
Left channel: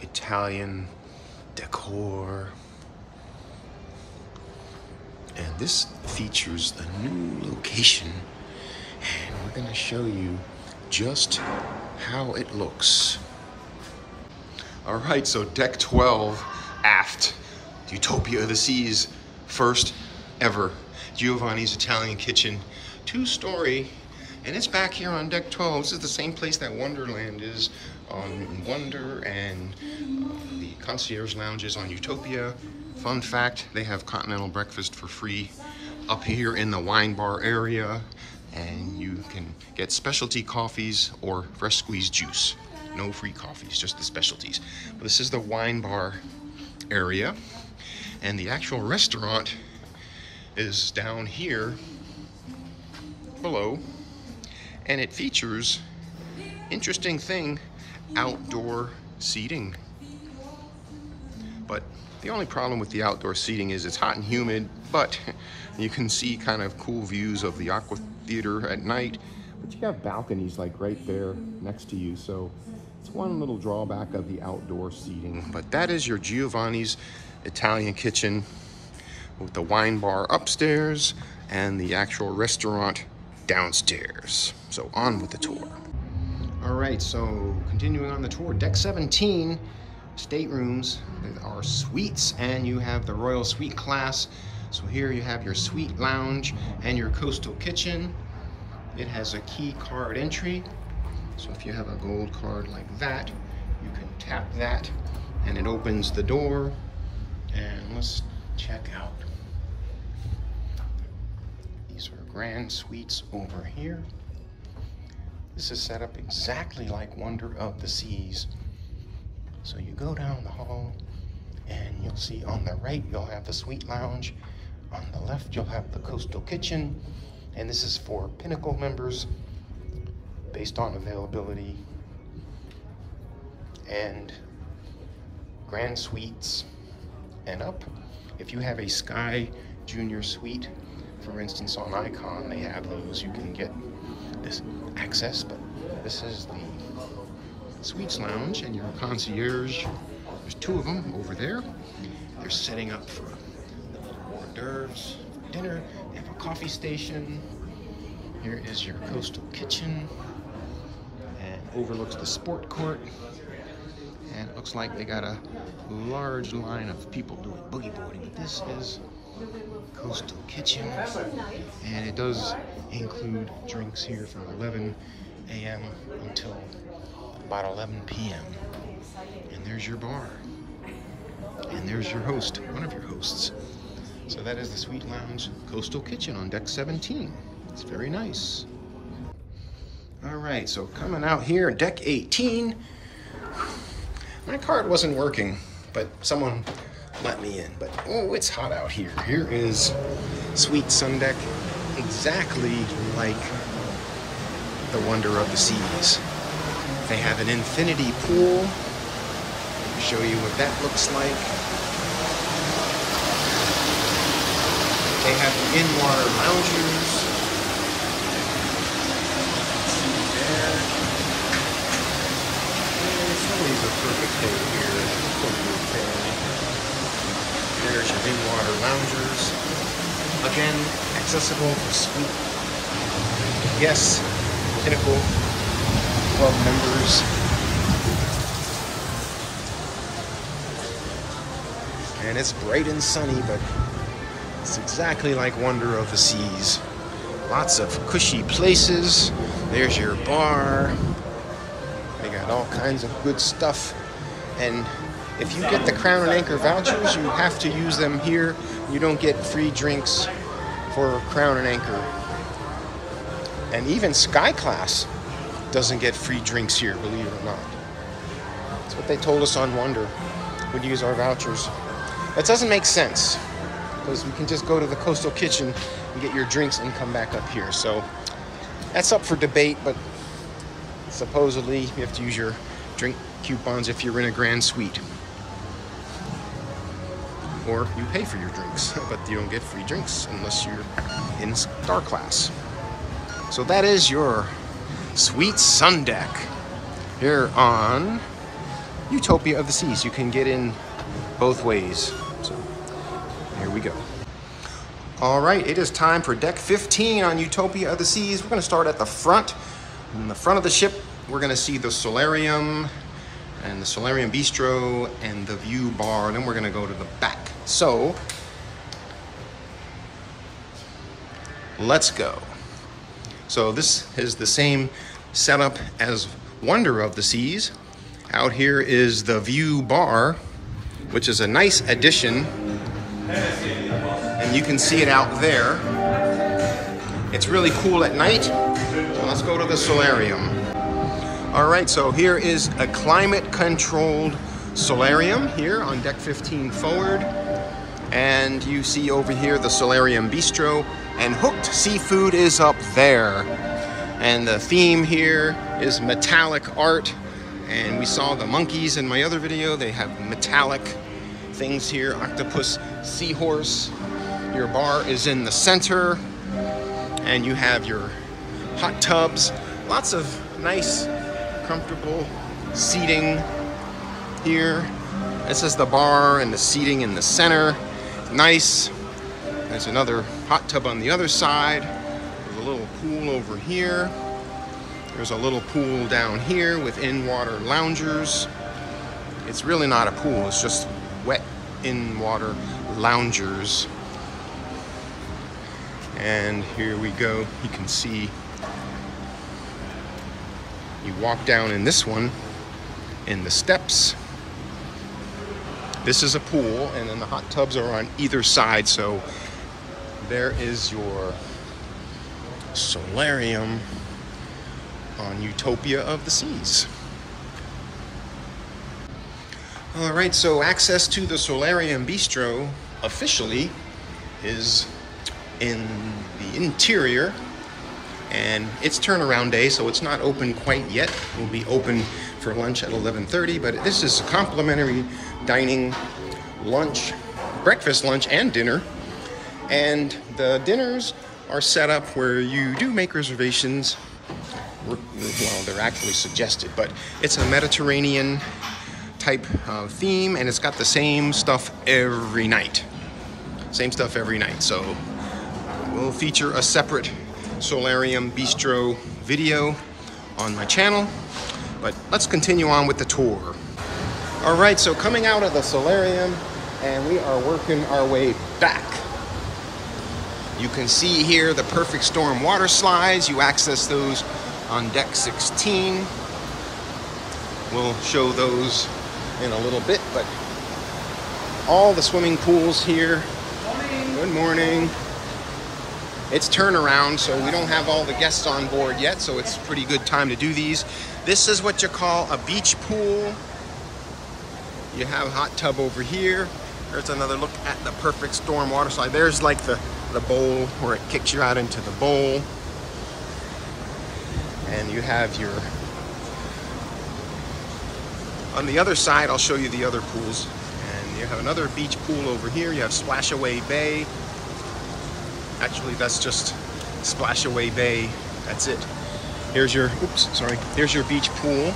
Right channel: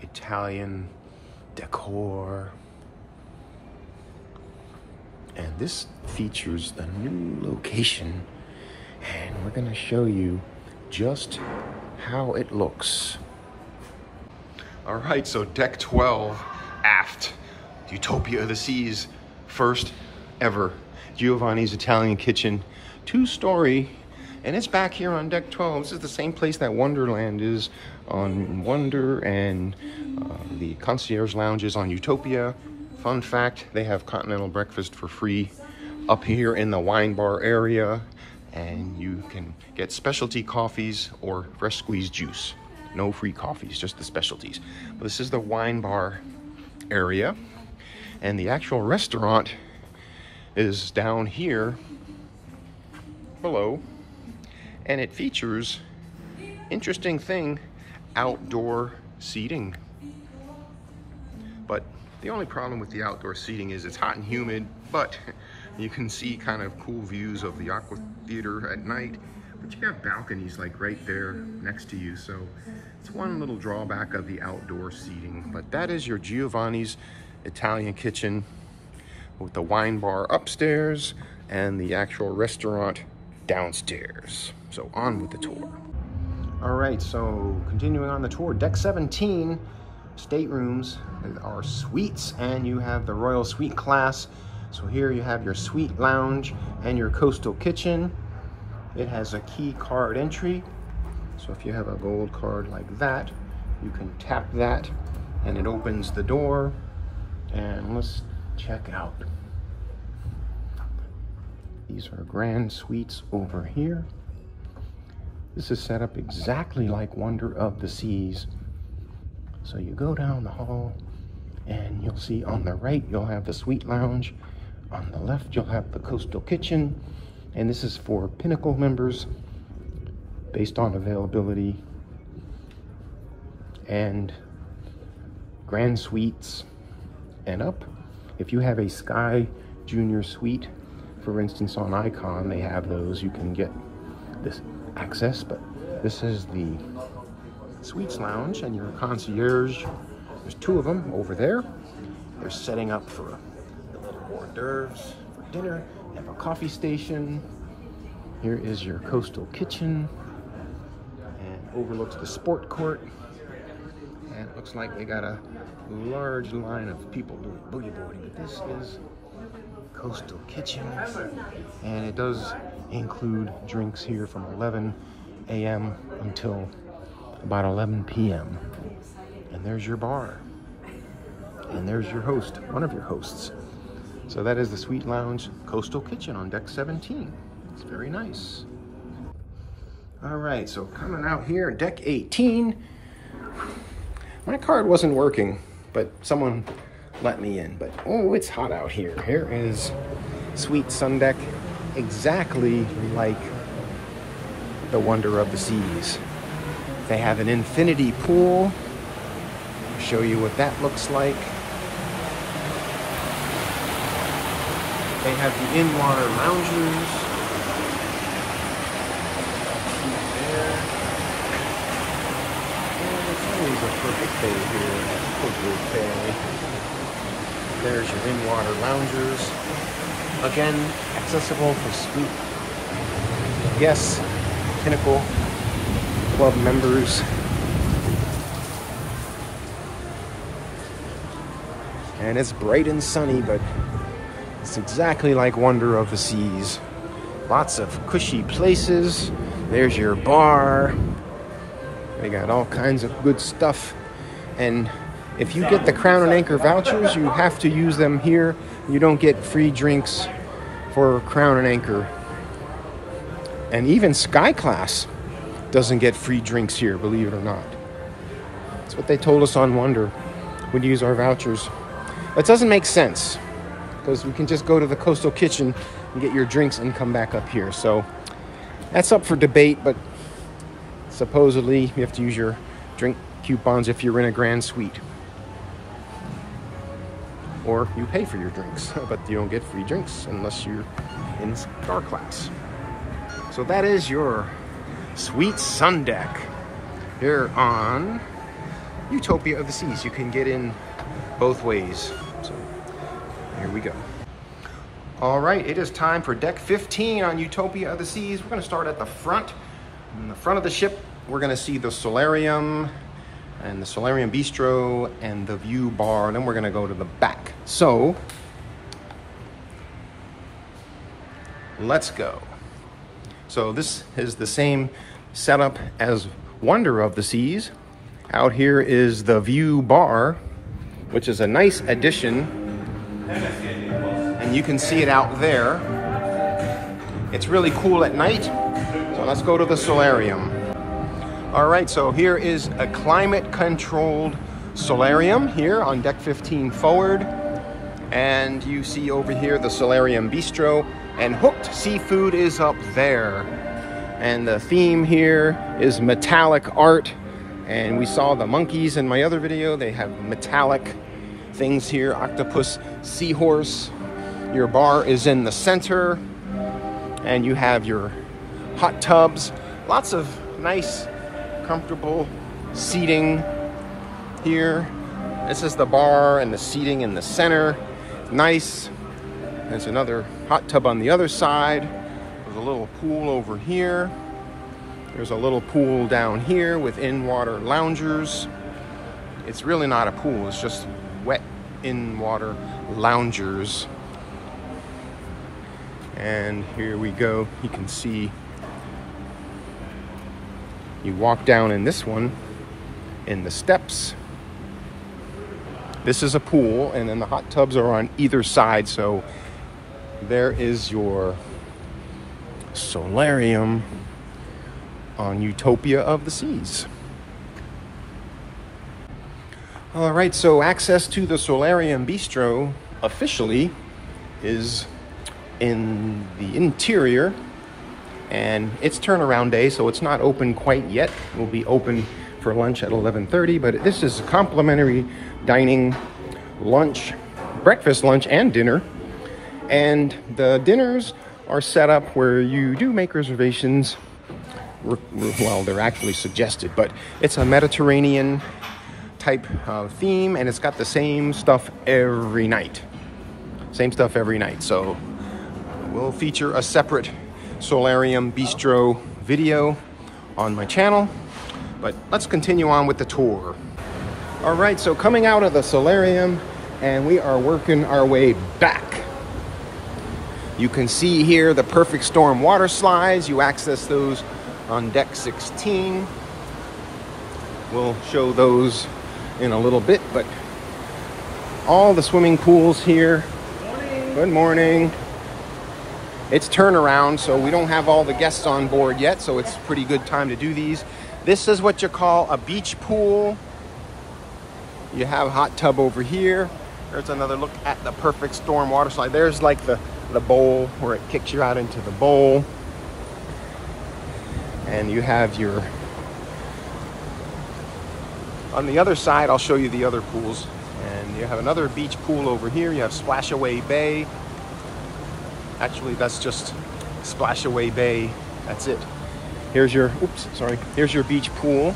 Italian decor. And this features a new location, and we're gonna show you just how it looks. All right, so deck 12, aft, Utopia of the Seas, first ever Giovanni's Italian kitchen, 2-story, and it's back here on deck 12. This is the same place that Wonderland is on Wonder, and the concierge lounge is on Utopia. Fun fact, they have continental breakfast for free up here in the wine bar area, and you can get specialty coffees or fresh squeezed juice. No free coffees, just the specialties. But this is the wine bar area, and the actual restaurant is down here below, and it features, interesting thing, outdoor seating. But the only problem with the outdoor seating is it's hot and humid, but you can see kind of cool views of the Aqua Theater at night. But you have balconies like right there next to you, so it's one little drawback of the outdoor seating. But that is your Giovanni's Italian kitchen with the wine bar upstairs and the actual restaurant downstairs. So on with the tour. All right, so continuing on the tour, deck 17, staterooms. There are suites, and you have the Royal Suite class. So here you have your suite lounge and your coastal kitchen. It has a key card entry. So if you have a gold card like that, you can tap that and it opens the door. And let's check out. These are grand suites over here. This is set up exactly like Wonder of the Seas. So you go down the hall and you'll see on the right, you'll have the suite lounge. On the left, you'll have the coastal kitchen. And this is for Pinnacle members based on availability. And grand suites and up. If you have a Sky Junior suite, for instance, on Icon, they have those. You can get this access, but this is the Suites Lounge and your concierge. There's 2 of them over there. They're setting up for the little hors d'oeuvres for dinner. They have a coffee station. Here is your coastal kitchen, and overlooks the sport court. And it looks like they got a large line of people doing boogie boarding, but this is coastal kitchen, and it does include drinks here from 11 a.m. until about 11 p.m. And there's your bar, and there's your host, one of your hosts. So that is the Suite Lounge Coastal Kitchen on deck 17. It's very nice. All right, so coming out here, deck 18. My card wasn't working, but someone let me in. But oh, it's hot out here. Here is Suite Sun Deck, exactly like the Wonder of the Seas. They have an infinity pool. I'll show you what that looks like. They have the in-water loungers. See there. And it's always a perfect day here at Coastal Toy. There's your in-water loungers. Again, accessible for suite. Yes, Pinnacle Club members. And it's bright and sunny, but it's exactly like Wonder of the Seas. Lots of cushy places. There's your bar. They got all kinds of good stuff. And if you get the Crown and Anchor vouchers, you have to use them here. You don't get free drinks for Crown and Anchor. And even Sky Class doesn't get free drinks here, believe it or not. That's what they told us on Wonder. We'd use our vouchers. It doesn't make sense, because you can just go to the Coastal Kitchen and get your drinks and come back up here. So That's up for debate, but supposedly you have to use your drink coupons if you're in a grand suite. Or you pay for your drinks, but you don't get free drinks unless you're in star class. So that is your Suite Sun Deck here on Utopia of the Seas. You can get in both ways. So here we go. All right, it is time for deck 15 on Utopia of the Seas. We're gonna start at the front. In the front of the ship, we're gonna see the solarium and the solarium bistro and the view bar. Then we're gonna go to the back. So let's go. So this is the same setup as Wonder of the Seas. Out here is the view bar, which is a nice addition. And you can see it out there. It's really cool at night. Well, let's go to the solarium. All right, so here is a climate-controlled solarium here on deck 15 forward. And you see over here the solarium bistro, and Hooked Seafood is up there. And the theme here is metallic art. And we saw the monkeys in my other video. They have metallic things here, octopus, seahorse. Your bar is in the center, and you have your hot tubs. Lots of nice, comfortable seating here. This is the bar and the seating in the center. Nice. There's another hot tub on the other side. There's a little pool over here. There's a little pool down here with in-water loungers. It's really not a pool, it's just wet in-water loungers. And here we go. You can see we walk down in this one in the steps. This is a pool, and then the hot tubs are on either side. So there is your solarium on Utopia of the Seas. All right, so access to the solarium bistro officially is in the interior, and it's turnaround day, so it's not open quite yet. We'll be open for lunch at 11:30, but this is a complimentary dining, lunch, breakfast, lunch, and dinner. And the dinners are set up where you do make reservations. Well, they're actually suggested, but it's a Mediterranean type of theme, and it's got the same stuff every night. Same stuff every night. So we'll feature a separate solarium bistro video on my channel, but let's continue on with the tour. All right, so coming out of the solarium, and we are working our way back. You can see here the Perfect Storm water slides. You access those on deck 16. We'll show those in a little bit, but all the swimming pools here. Good morning. It's turnaround, so we don't have all the guests on board yet, so it's a pretty good time to do these. This is what you call a beach pool. You have a hot tub over here. There's another look at the Perfect Storm water slide. There's like the bowl where it kicks you out into the bowl. And you have your... On the other side, I'll show you the other pools. And you have another beach pool over here. You have Splashaway Bay. Actually, that's just Splashaway Bay. That's it. Here's your, oops, sorry. Here's your beach pool.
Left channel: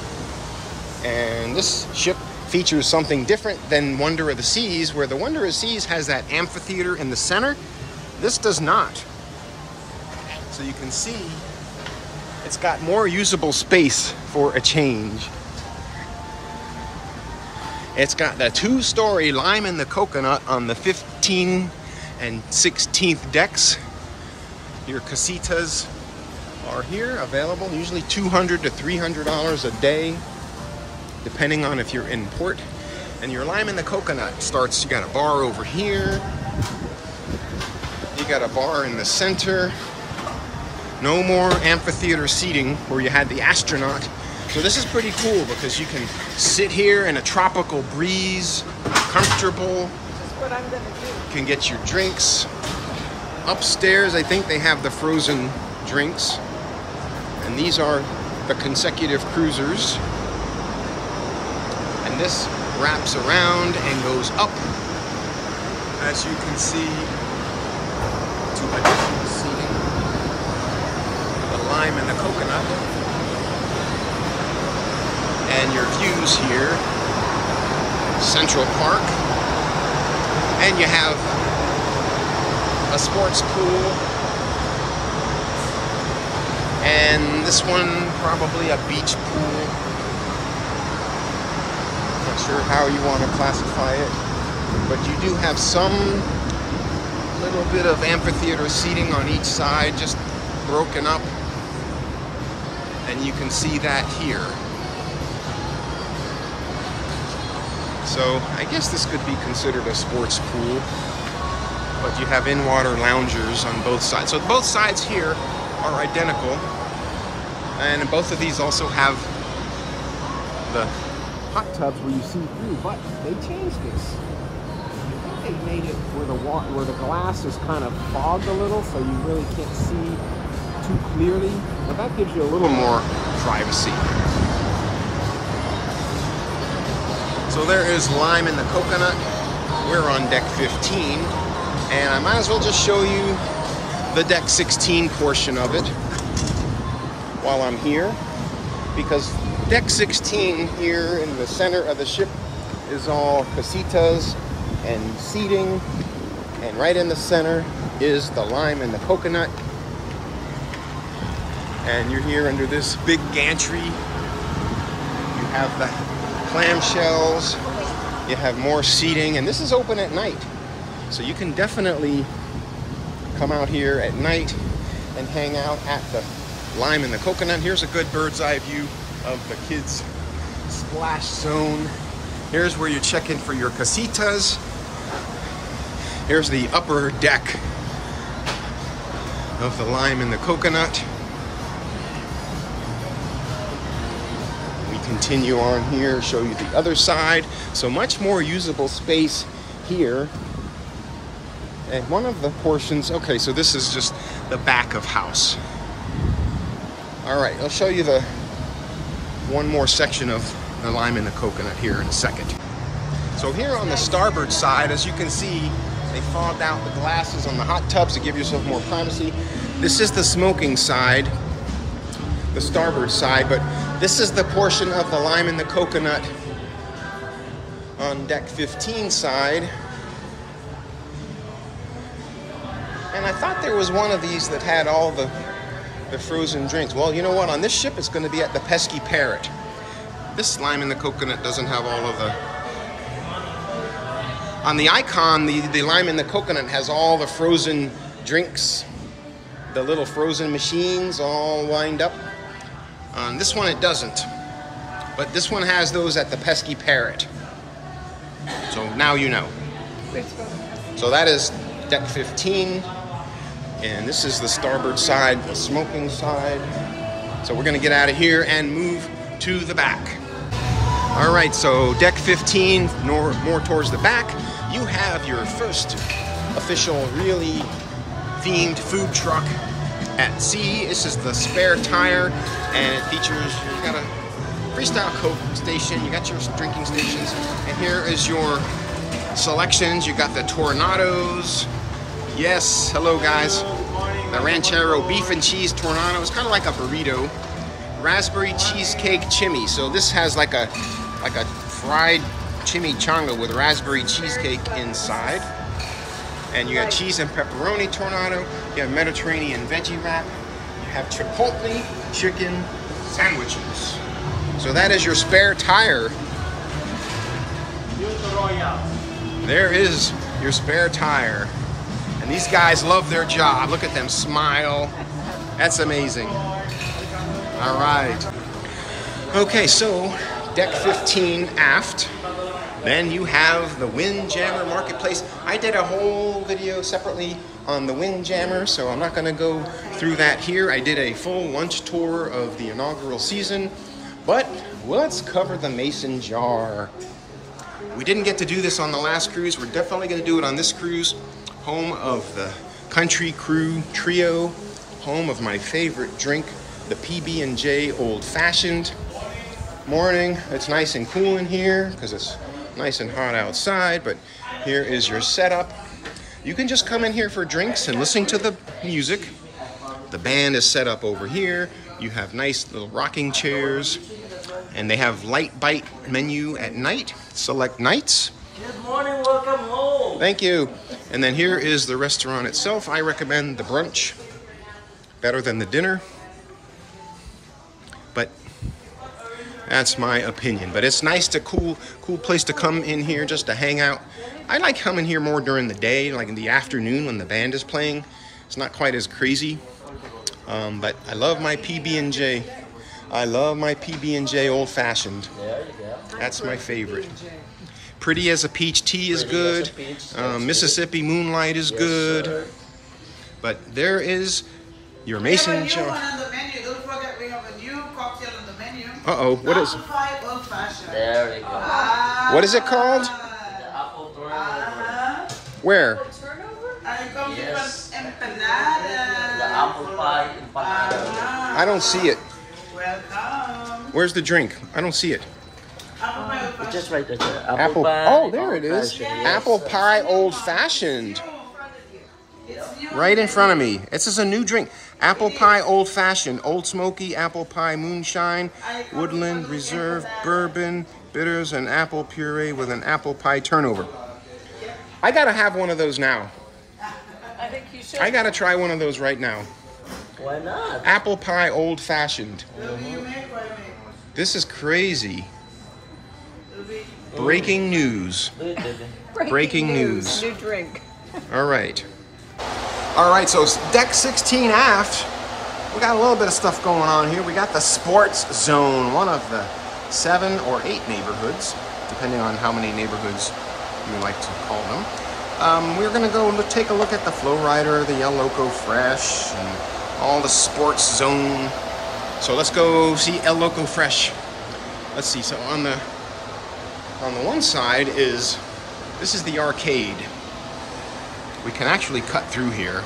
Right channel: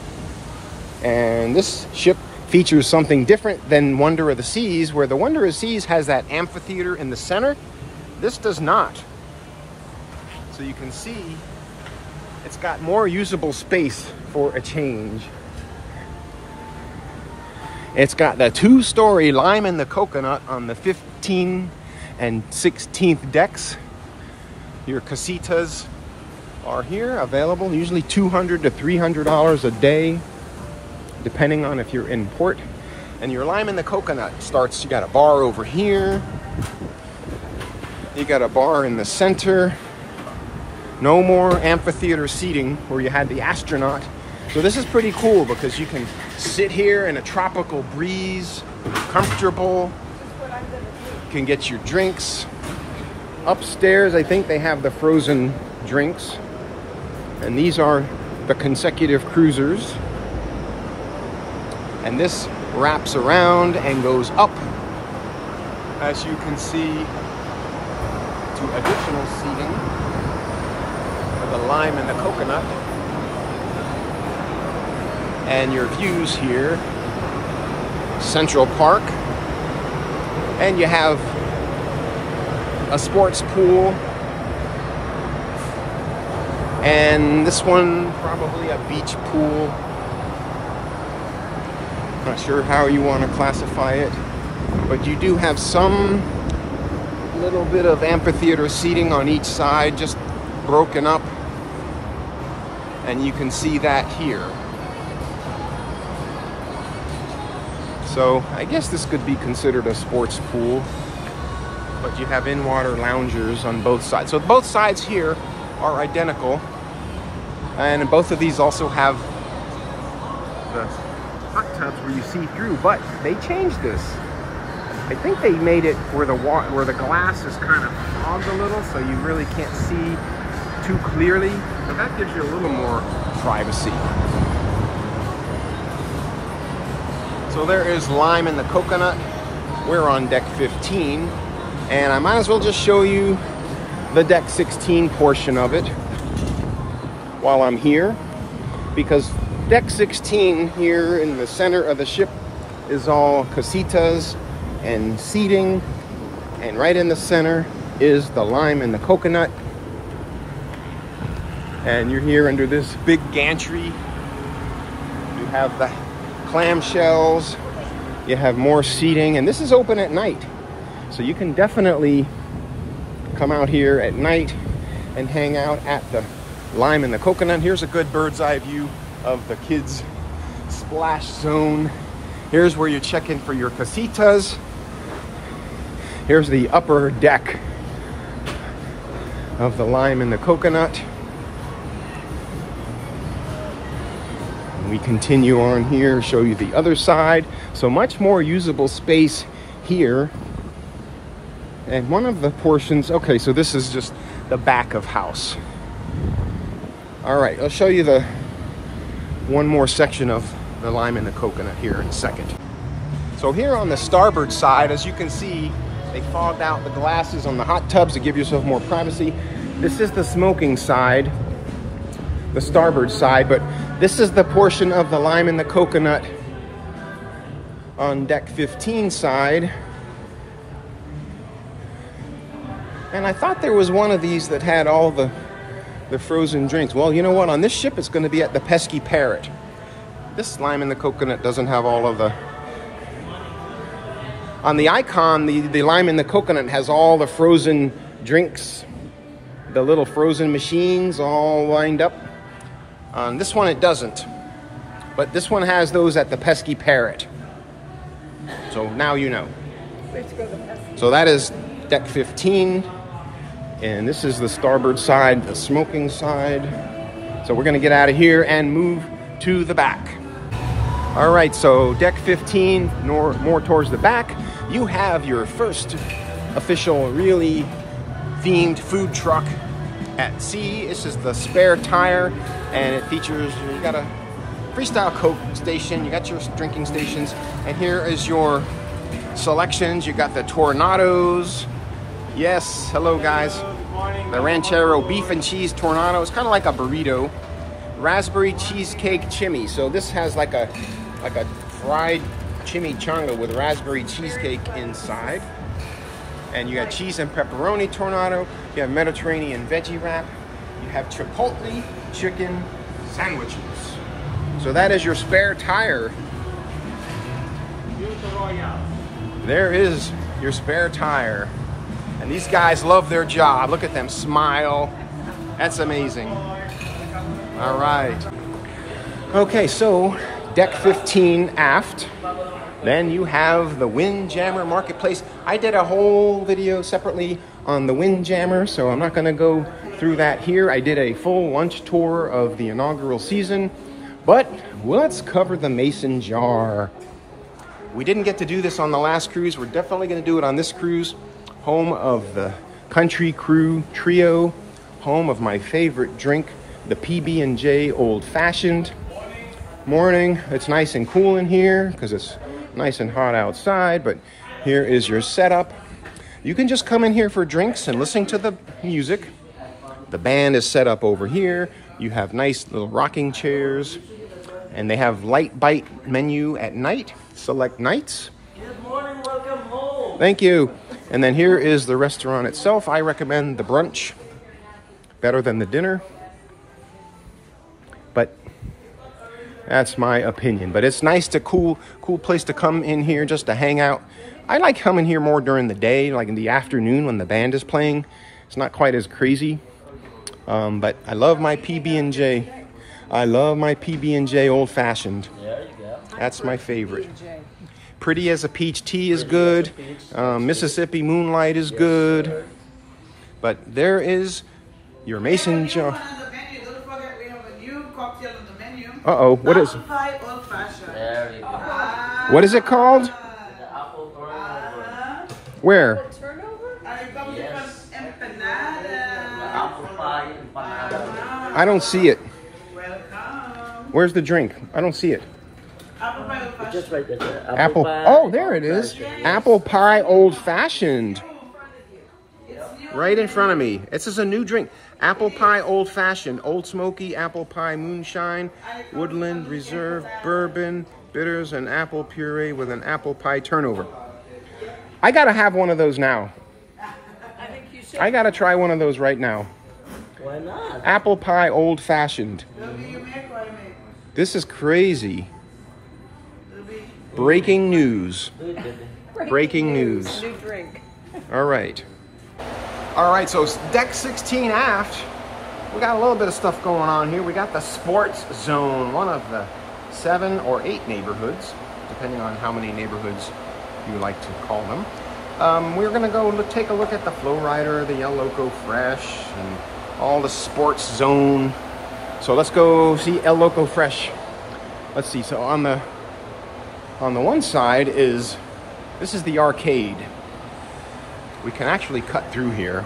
And this ship features something different than Wonder of the Seas, where the Wonder of the Seas has that amphitheater in the center. This does not. So you can see it's got more usable space for a change. It's got the 2-story lime and the coconut on the 15th and 16th decks. Your casitas are here, available, usually $200 to $300 a day, depending on if you're in port. And your lime and the coconut starts, you got a bar over here. You got a bar in the center. No more amphitheater seating where you had the astronaut. So this is pretty cool because you can sit here in a tropical breeze, comfortable. You can get your drinks. Upstairs, I think they have the frozen drinks. And these are the consecutive cruisers. And this wraps around and goes up, as you can see, to additional seating for the lime and the coconut. And your views here, Central Park, and you have a sports pool, and this one probably a beach pool. Not sure how you want to classify it, but you do have some little bit of amphitheater seating on each side, just broken up, and you can see that here. So I guess this could be considered a sports pool, but you have in-water loungers on both sides. So both sides here are identical, and both of these also have the hot tubs where you see through, but they changed this. I think they made it where the glass is kind of fogged a little, so you really can't see too clearly. So that gives you a little more privacy. So there is lime and the coconut. We're on deck 15, and I might as well just show you the deck 16 portion of it while I'm here, because deck 16 here in the center of the ship is all casitas and seating, and right in the center is the lime and the coconut. And you're here under this big gantry. You have the clamshells, you have more seating, and this is open at night, so you can definitely come out here at night and hang out at the lime and the coconut. Here's a good bird's eye view of the kids splash zone. Here's where you check in for your casitas. Here's the upper deck of the lime and the coconut. We continue on here and show you the other side. So much more usable space here. And one of the portions, okay, so this is just the back of house. All right, I'll show you the one more section of the lime and the coconut here in a second. So here on the starboard side, as you can see, they fogged out the glasses on the hot tubs to give yourself more privacy. This is the smoking side, the starboard side, but this is the portion of the lime and the coconut on deck 15 side. And I thought there was one of these that had all the frozen drinks. Well, you know what? On this ship, it's going to be at the Pesky Parrot. This lime and the coconut doesn't have all of the... On the Icon, the lime and the coconut has all the frozen drinks, the little frozen machines all lined up. On this one, it doesn't. But this one has those at the Pesky Parrot. So now you know. So that is deck 15. And this is the starboard side, the smoking side. So we're gonna get out of here and move to the back. All right, so deck 15, more towards the back. You have your first official, really themed food truck at sea. This is the Spare Tire, and it features, you got a freestyle Coke station, you got your drinking stations, and here is your selections. You got the Tornados. Yes, hello guys. The Ranchero beef and cheese Tornado. It's kind of like a burrito. Raspberry cheesecake chimney. So this has like a fried chimichanga with raspberry cheesecake inside. And you got cheese and pepperoni Tornado. You have Mediterranean veggie wrap. You have Chipotle chicken sandwiches. So that is your Spare Tire. There is your Spare Tire. And these guys love their job. Look at them smile. That's amazing. All right. Okay, so deck 15 aft. Then you have the Windjammer Marketplace. I did a whole video separately on the Windjammer, so I'm not gonna go through that here. I did a full lunch tour of the inaugural season, but let's cover the Mason Jar. We didn't get to do this on the last cruise. We're definitely gonna do it on this cruise. Home of the Country Crew Trio, home of my favorite drink, the PB&J Old Fashioned. Morning, it's nice and cool in here because it's nice and hot outside, but here is your setup. You can just come in here for drinks and listen to the music. The band is set up over here. You have nice little rocking chairs, and they have light bite menu at night, select nights. Good morning, welcome home. Thank you. And then here is the restaurant itself. I recommend the brunch, better than the dinner, but that's my opinion. But it's nice to cool place to come in here just to hang out. I like coming here more during the day, like in the afternoon when the band is playing. It's not quite as crazy, but I love my PB&J. I love my PB&J Old Fashioned. There you go. That's my favorite. Pretty as a Peach Tea is good. Mississippi Moonlight is good. But there is your Mason Jar. Uh-oh, what is it? There you go. What is it called? The apple turnover. Where? Yes. The apple pie empanada. I don't see it. Where's the drink? I don't see it. It's just right there. Apple. Pie. Oh, there it is. Apple Pie Old Fashioned. Right in front of me. This is a new drink. Apple Pie Old Fashioned. Old Smoky, Apple Pie Moonshine, Woodland Reserve, Bourbon, Bitters, and Apple Puree with an Apple Pie turnover. I gotta have one of those now. I think you should. I gotta try one of those right now. Why not? Apple Pie Old Fashioned. This is crazy. Breaking news. Breaking news. New drink. All right. All right, so deck 16 aft, we got a little bit of stuff going on here. We got the sports zone, one of the 7 or 8 neighborhoods, depending on how many neighborhoods you like to call them. We're gonna go take a look at the Flow Rider, the El Loco Fresh, and all the sports zone. So let's go see El Loco Fresh. Let's see, so on the one side this is the arcade. We can actually cut through here,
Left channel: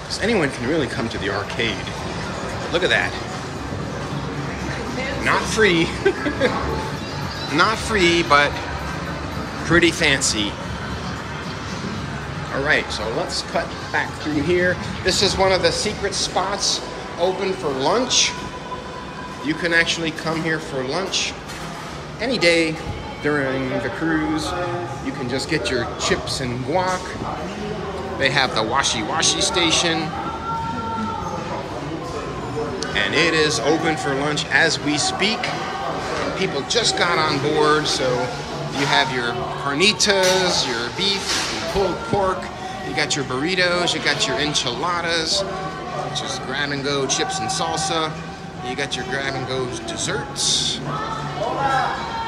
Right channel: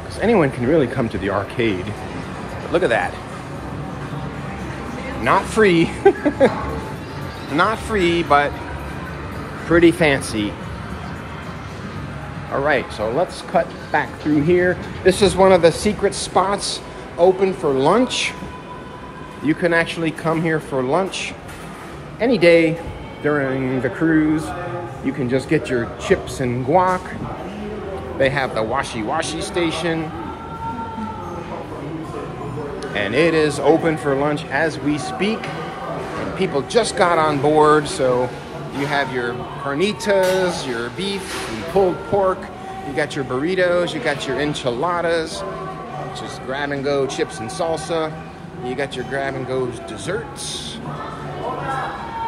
because anyone can really come to the arcade. But look at that. Not free. Not free, but pretty fancy. All right, so let's cut back through here. This is one of the secret spots open for lunch. You can actually come here for lunch any day during the cruise. You can just get your chips and guac. They have the washi station. And it is open for lunch as we speak. And people just got on board, so you have your carnitas, your beef and pulled pork. You got your burritos, you got your enchiladas, which is grab-and-go chips and salsa. You got your grab-and-go desserts.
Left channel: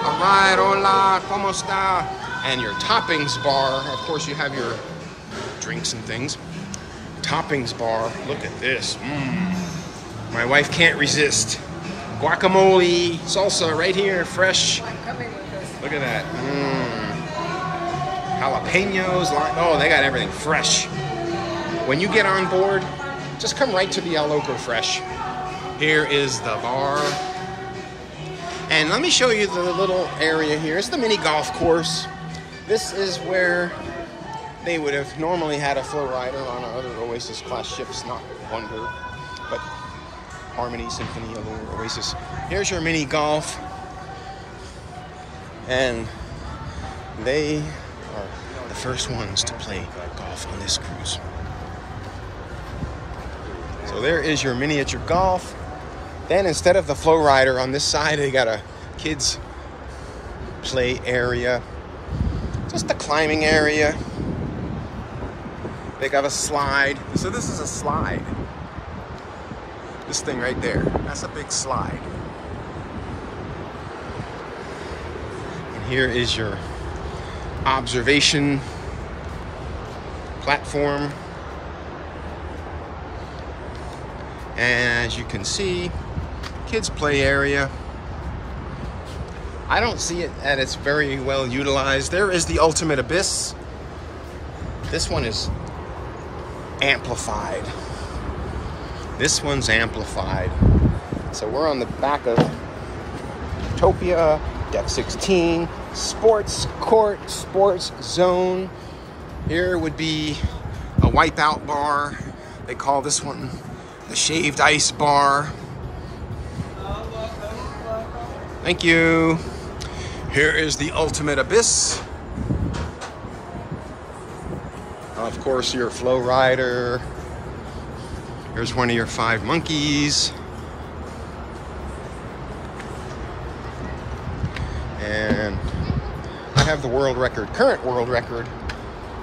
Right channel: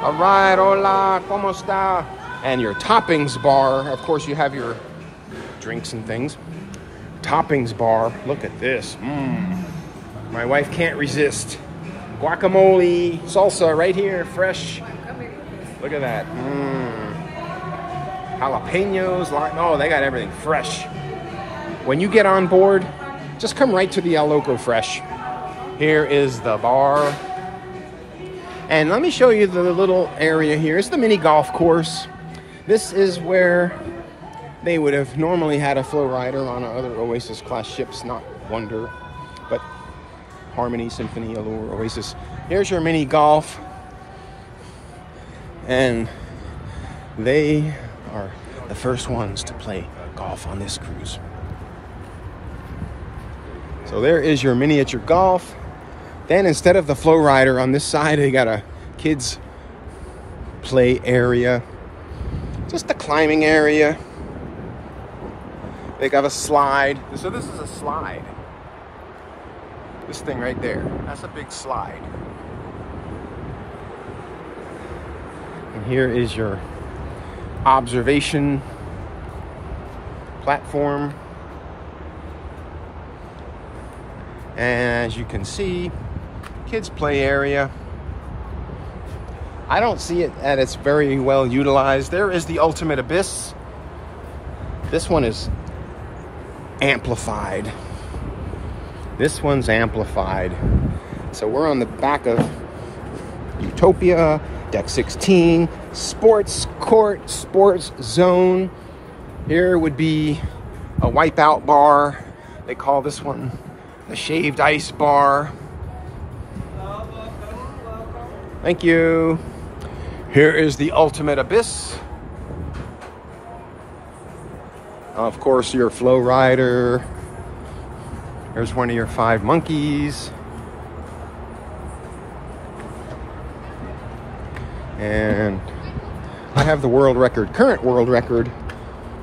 All right, hola, ¿cómo está? And your toppings bar. Of course, you have your drinks and things. Toppings bar. Look at this. My wife can't resist. Guacamole, salsa right here, fresh. Look at that. Jalapenos. Oh, they got everything fresh. When you get on board, just come right to the El Loco Fresh. Here is the bar. And let me show you the little area here. It's the mini golf course. This is where they would have normally had a Flow Rider on other Oasis class ships, not Wonder, but Harmony, Symphony, other Oasis. Here's your mini golf. And they are the first ones to play golf on this cruise. So there is your miniature golf. Then instead of the Flow Rider on this side, they got a kids play area. Just a climbing area. They got a slide. So this is a slide. This thing right there, that's a big slide. And here is your observation platform. And as you can see, kids play area. I don't see it that it's very well utilized. There is the Ultimate Abyss. This one is amplified. This one's amplified. So we're on the back of Utopia, deck 16, sports court, sports zone. Here would be a wipeout bar. They call this one the shaved ice bar. Thank you. Here is the ultimate abyss. Of course, your flow rider. Here's one of your 5 monkeys. And I have the world record, current world record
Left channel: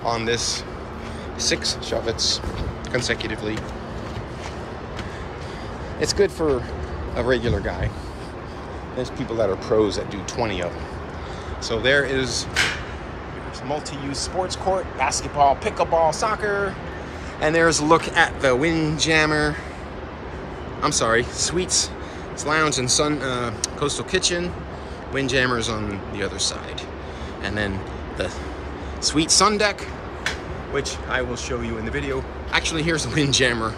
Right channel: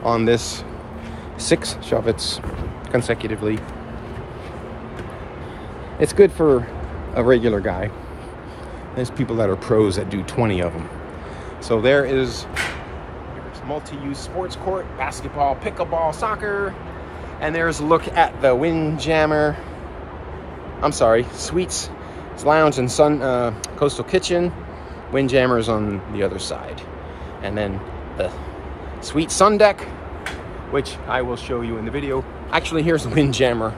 on this, 6 shove-its consecutively. It's good for a regular guy. There's people that are pros that do 20 of them. So there is your multi-use sports court, basketball, pickleball, soccer. And there's a look at the Windjammer. I'm sorry, Suites Lounge and Sun Coastal Kitchen. Windjammer is on the other side. And then the Suite Sun Deck, which I will show you in the video. Actually, here's the Windjammer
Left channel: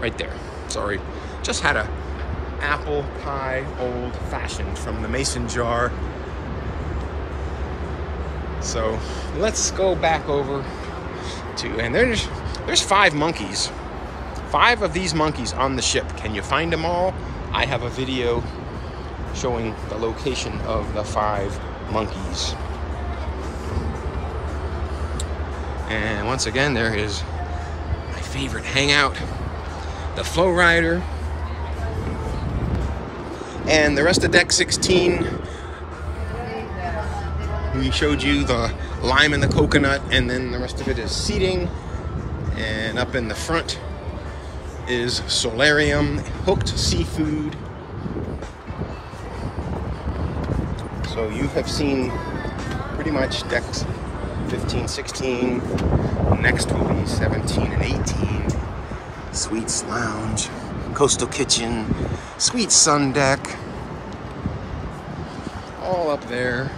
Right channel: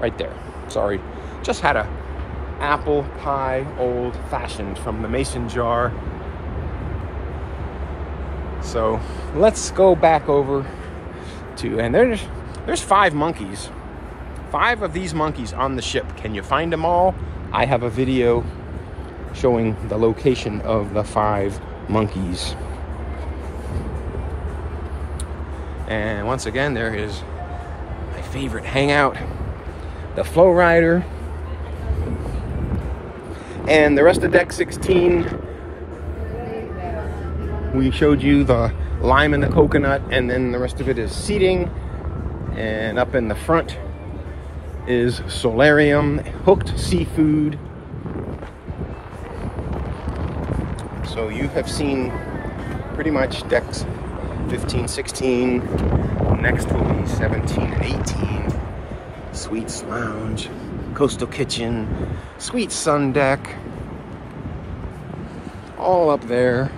right there. Sorry, just had a apple pie old fashioned from the mason jar. So let's go back over to, and there's 5 monkeys. 5 of these monkeys on the ship. Can you find them all? I have a video showing the location of the 5 monkeys. And once again, there is my favorite hangout, the flow rider. And the rest of deck 16, we showed you the lime and the coconut, and then the rest of it is seating. And up in the front is solarium, hooked seafood. So you have seen pretty much decks 15, 16, next will be 17 and 18. Suites Lounge, Coastal Kitchen, Suite Sun Deck, all up there.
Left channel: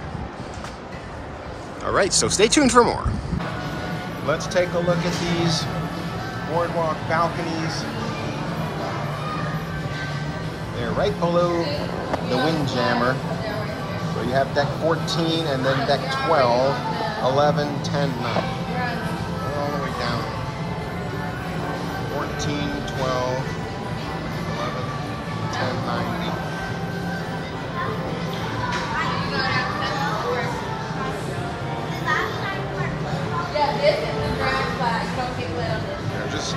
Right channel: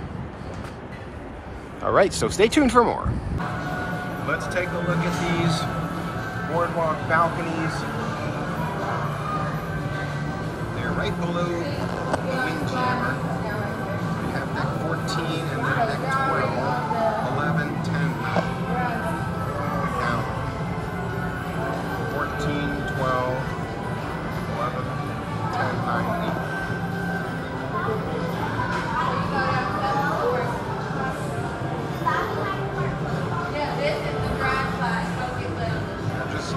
All right, so stay tuned for more. Let's take a look at these boardwalk balconies. They're right below the Windjammer. So you have deck 14 and then deck 12, 11, 10, 9. All the way down. 14, 12, 11, 10, 9, 8. Just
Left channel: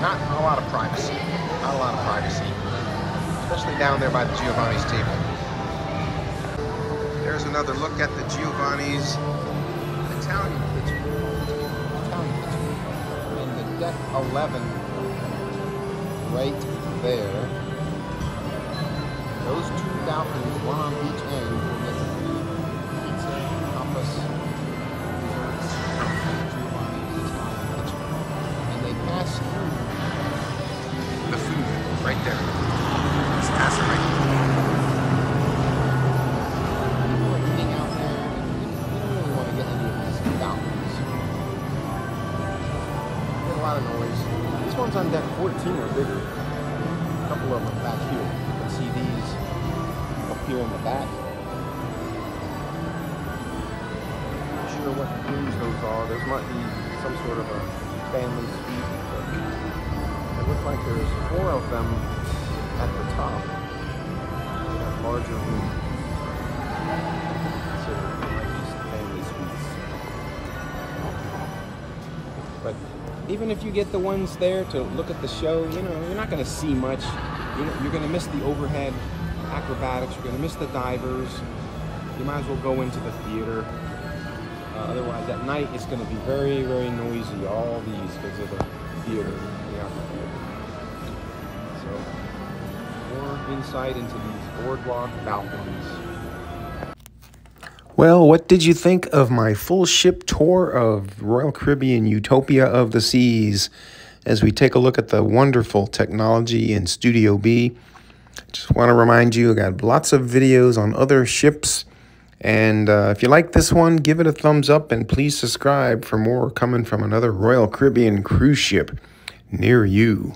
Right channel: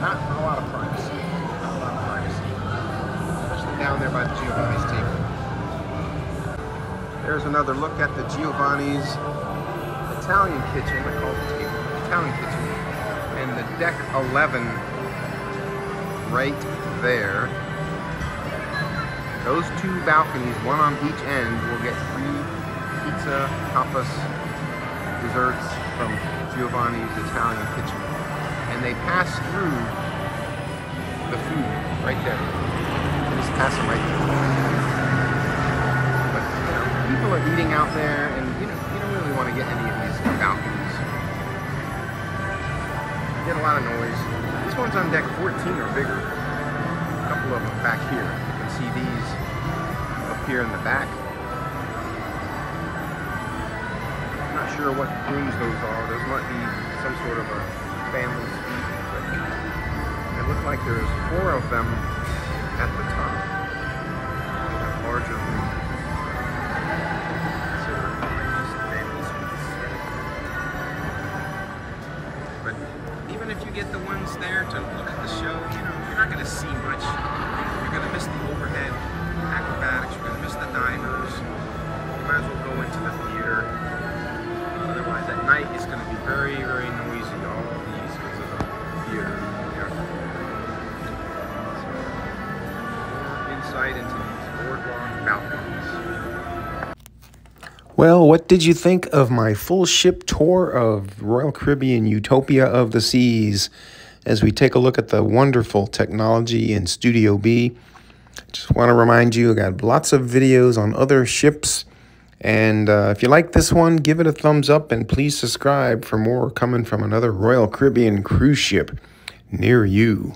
not a lot of privacy. Not a lot of privacy. Especially down there by the Giovanni's table. There's another look at the Giovanni's Italian kitchen. We call the table Italian kitchen. And the deck 11 right there. Those 2 balconies, one on each end, will get free pizza, tapas, desserts from Giovanni's Italian kitchen. And they pass through the food right there. Just pass it right through. But people are eating out there, and you don't really want to get any of these balconies. You get a lot of noise. These ones on deck 14 are bigger. A couple of them back here. You can see these up here in the back. I'm not sure what rooms those are. Those might be some sort of a family suite, but it looks like there's 4 of them at the top. That larger room. Considered family suites. But even if you get the ones there to look at the show, you know, you're not going to see much. You're going to miss the overhead acrobatics. You're going to miss the divers. You might as well go into the theater. Otherwise, at night, it's going to be very, very noisy, all these, because of the theater. Yeah. So, more insight into these boardwalk balconies. Well, what did you think of my full ship tour of Royal Caribbean Utopia of the Seas as we take a look at the wonderful technology in Studio B? Just want to remind you, I got lots of videos on other ships. And if you like this one, give it a thumbs up and please subscribe for more coming from another Royal Caribbean cruise ship near you.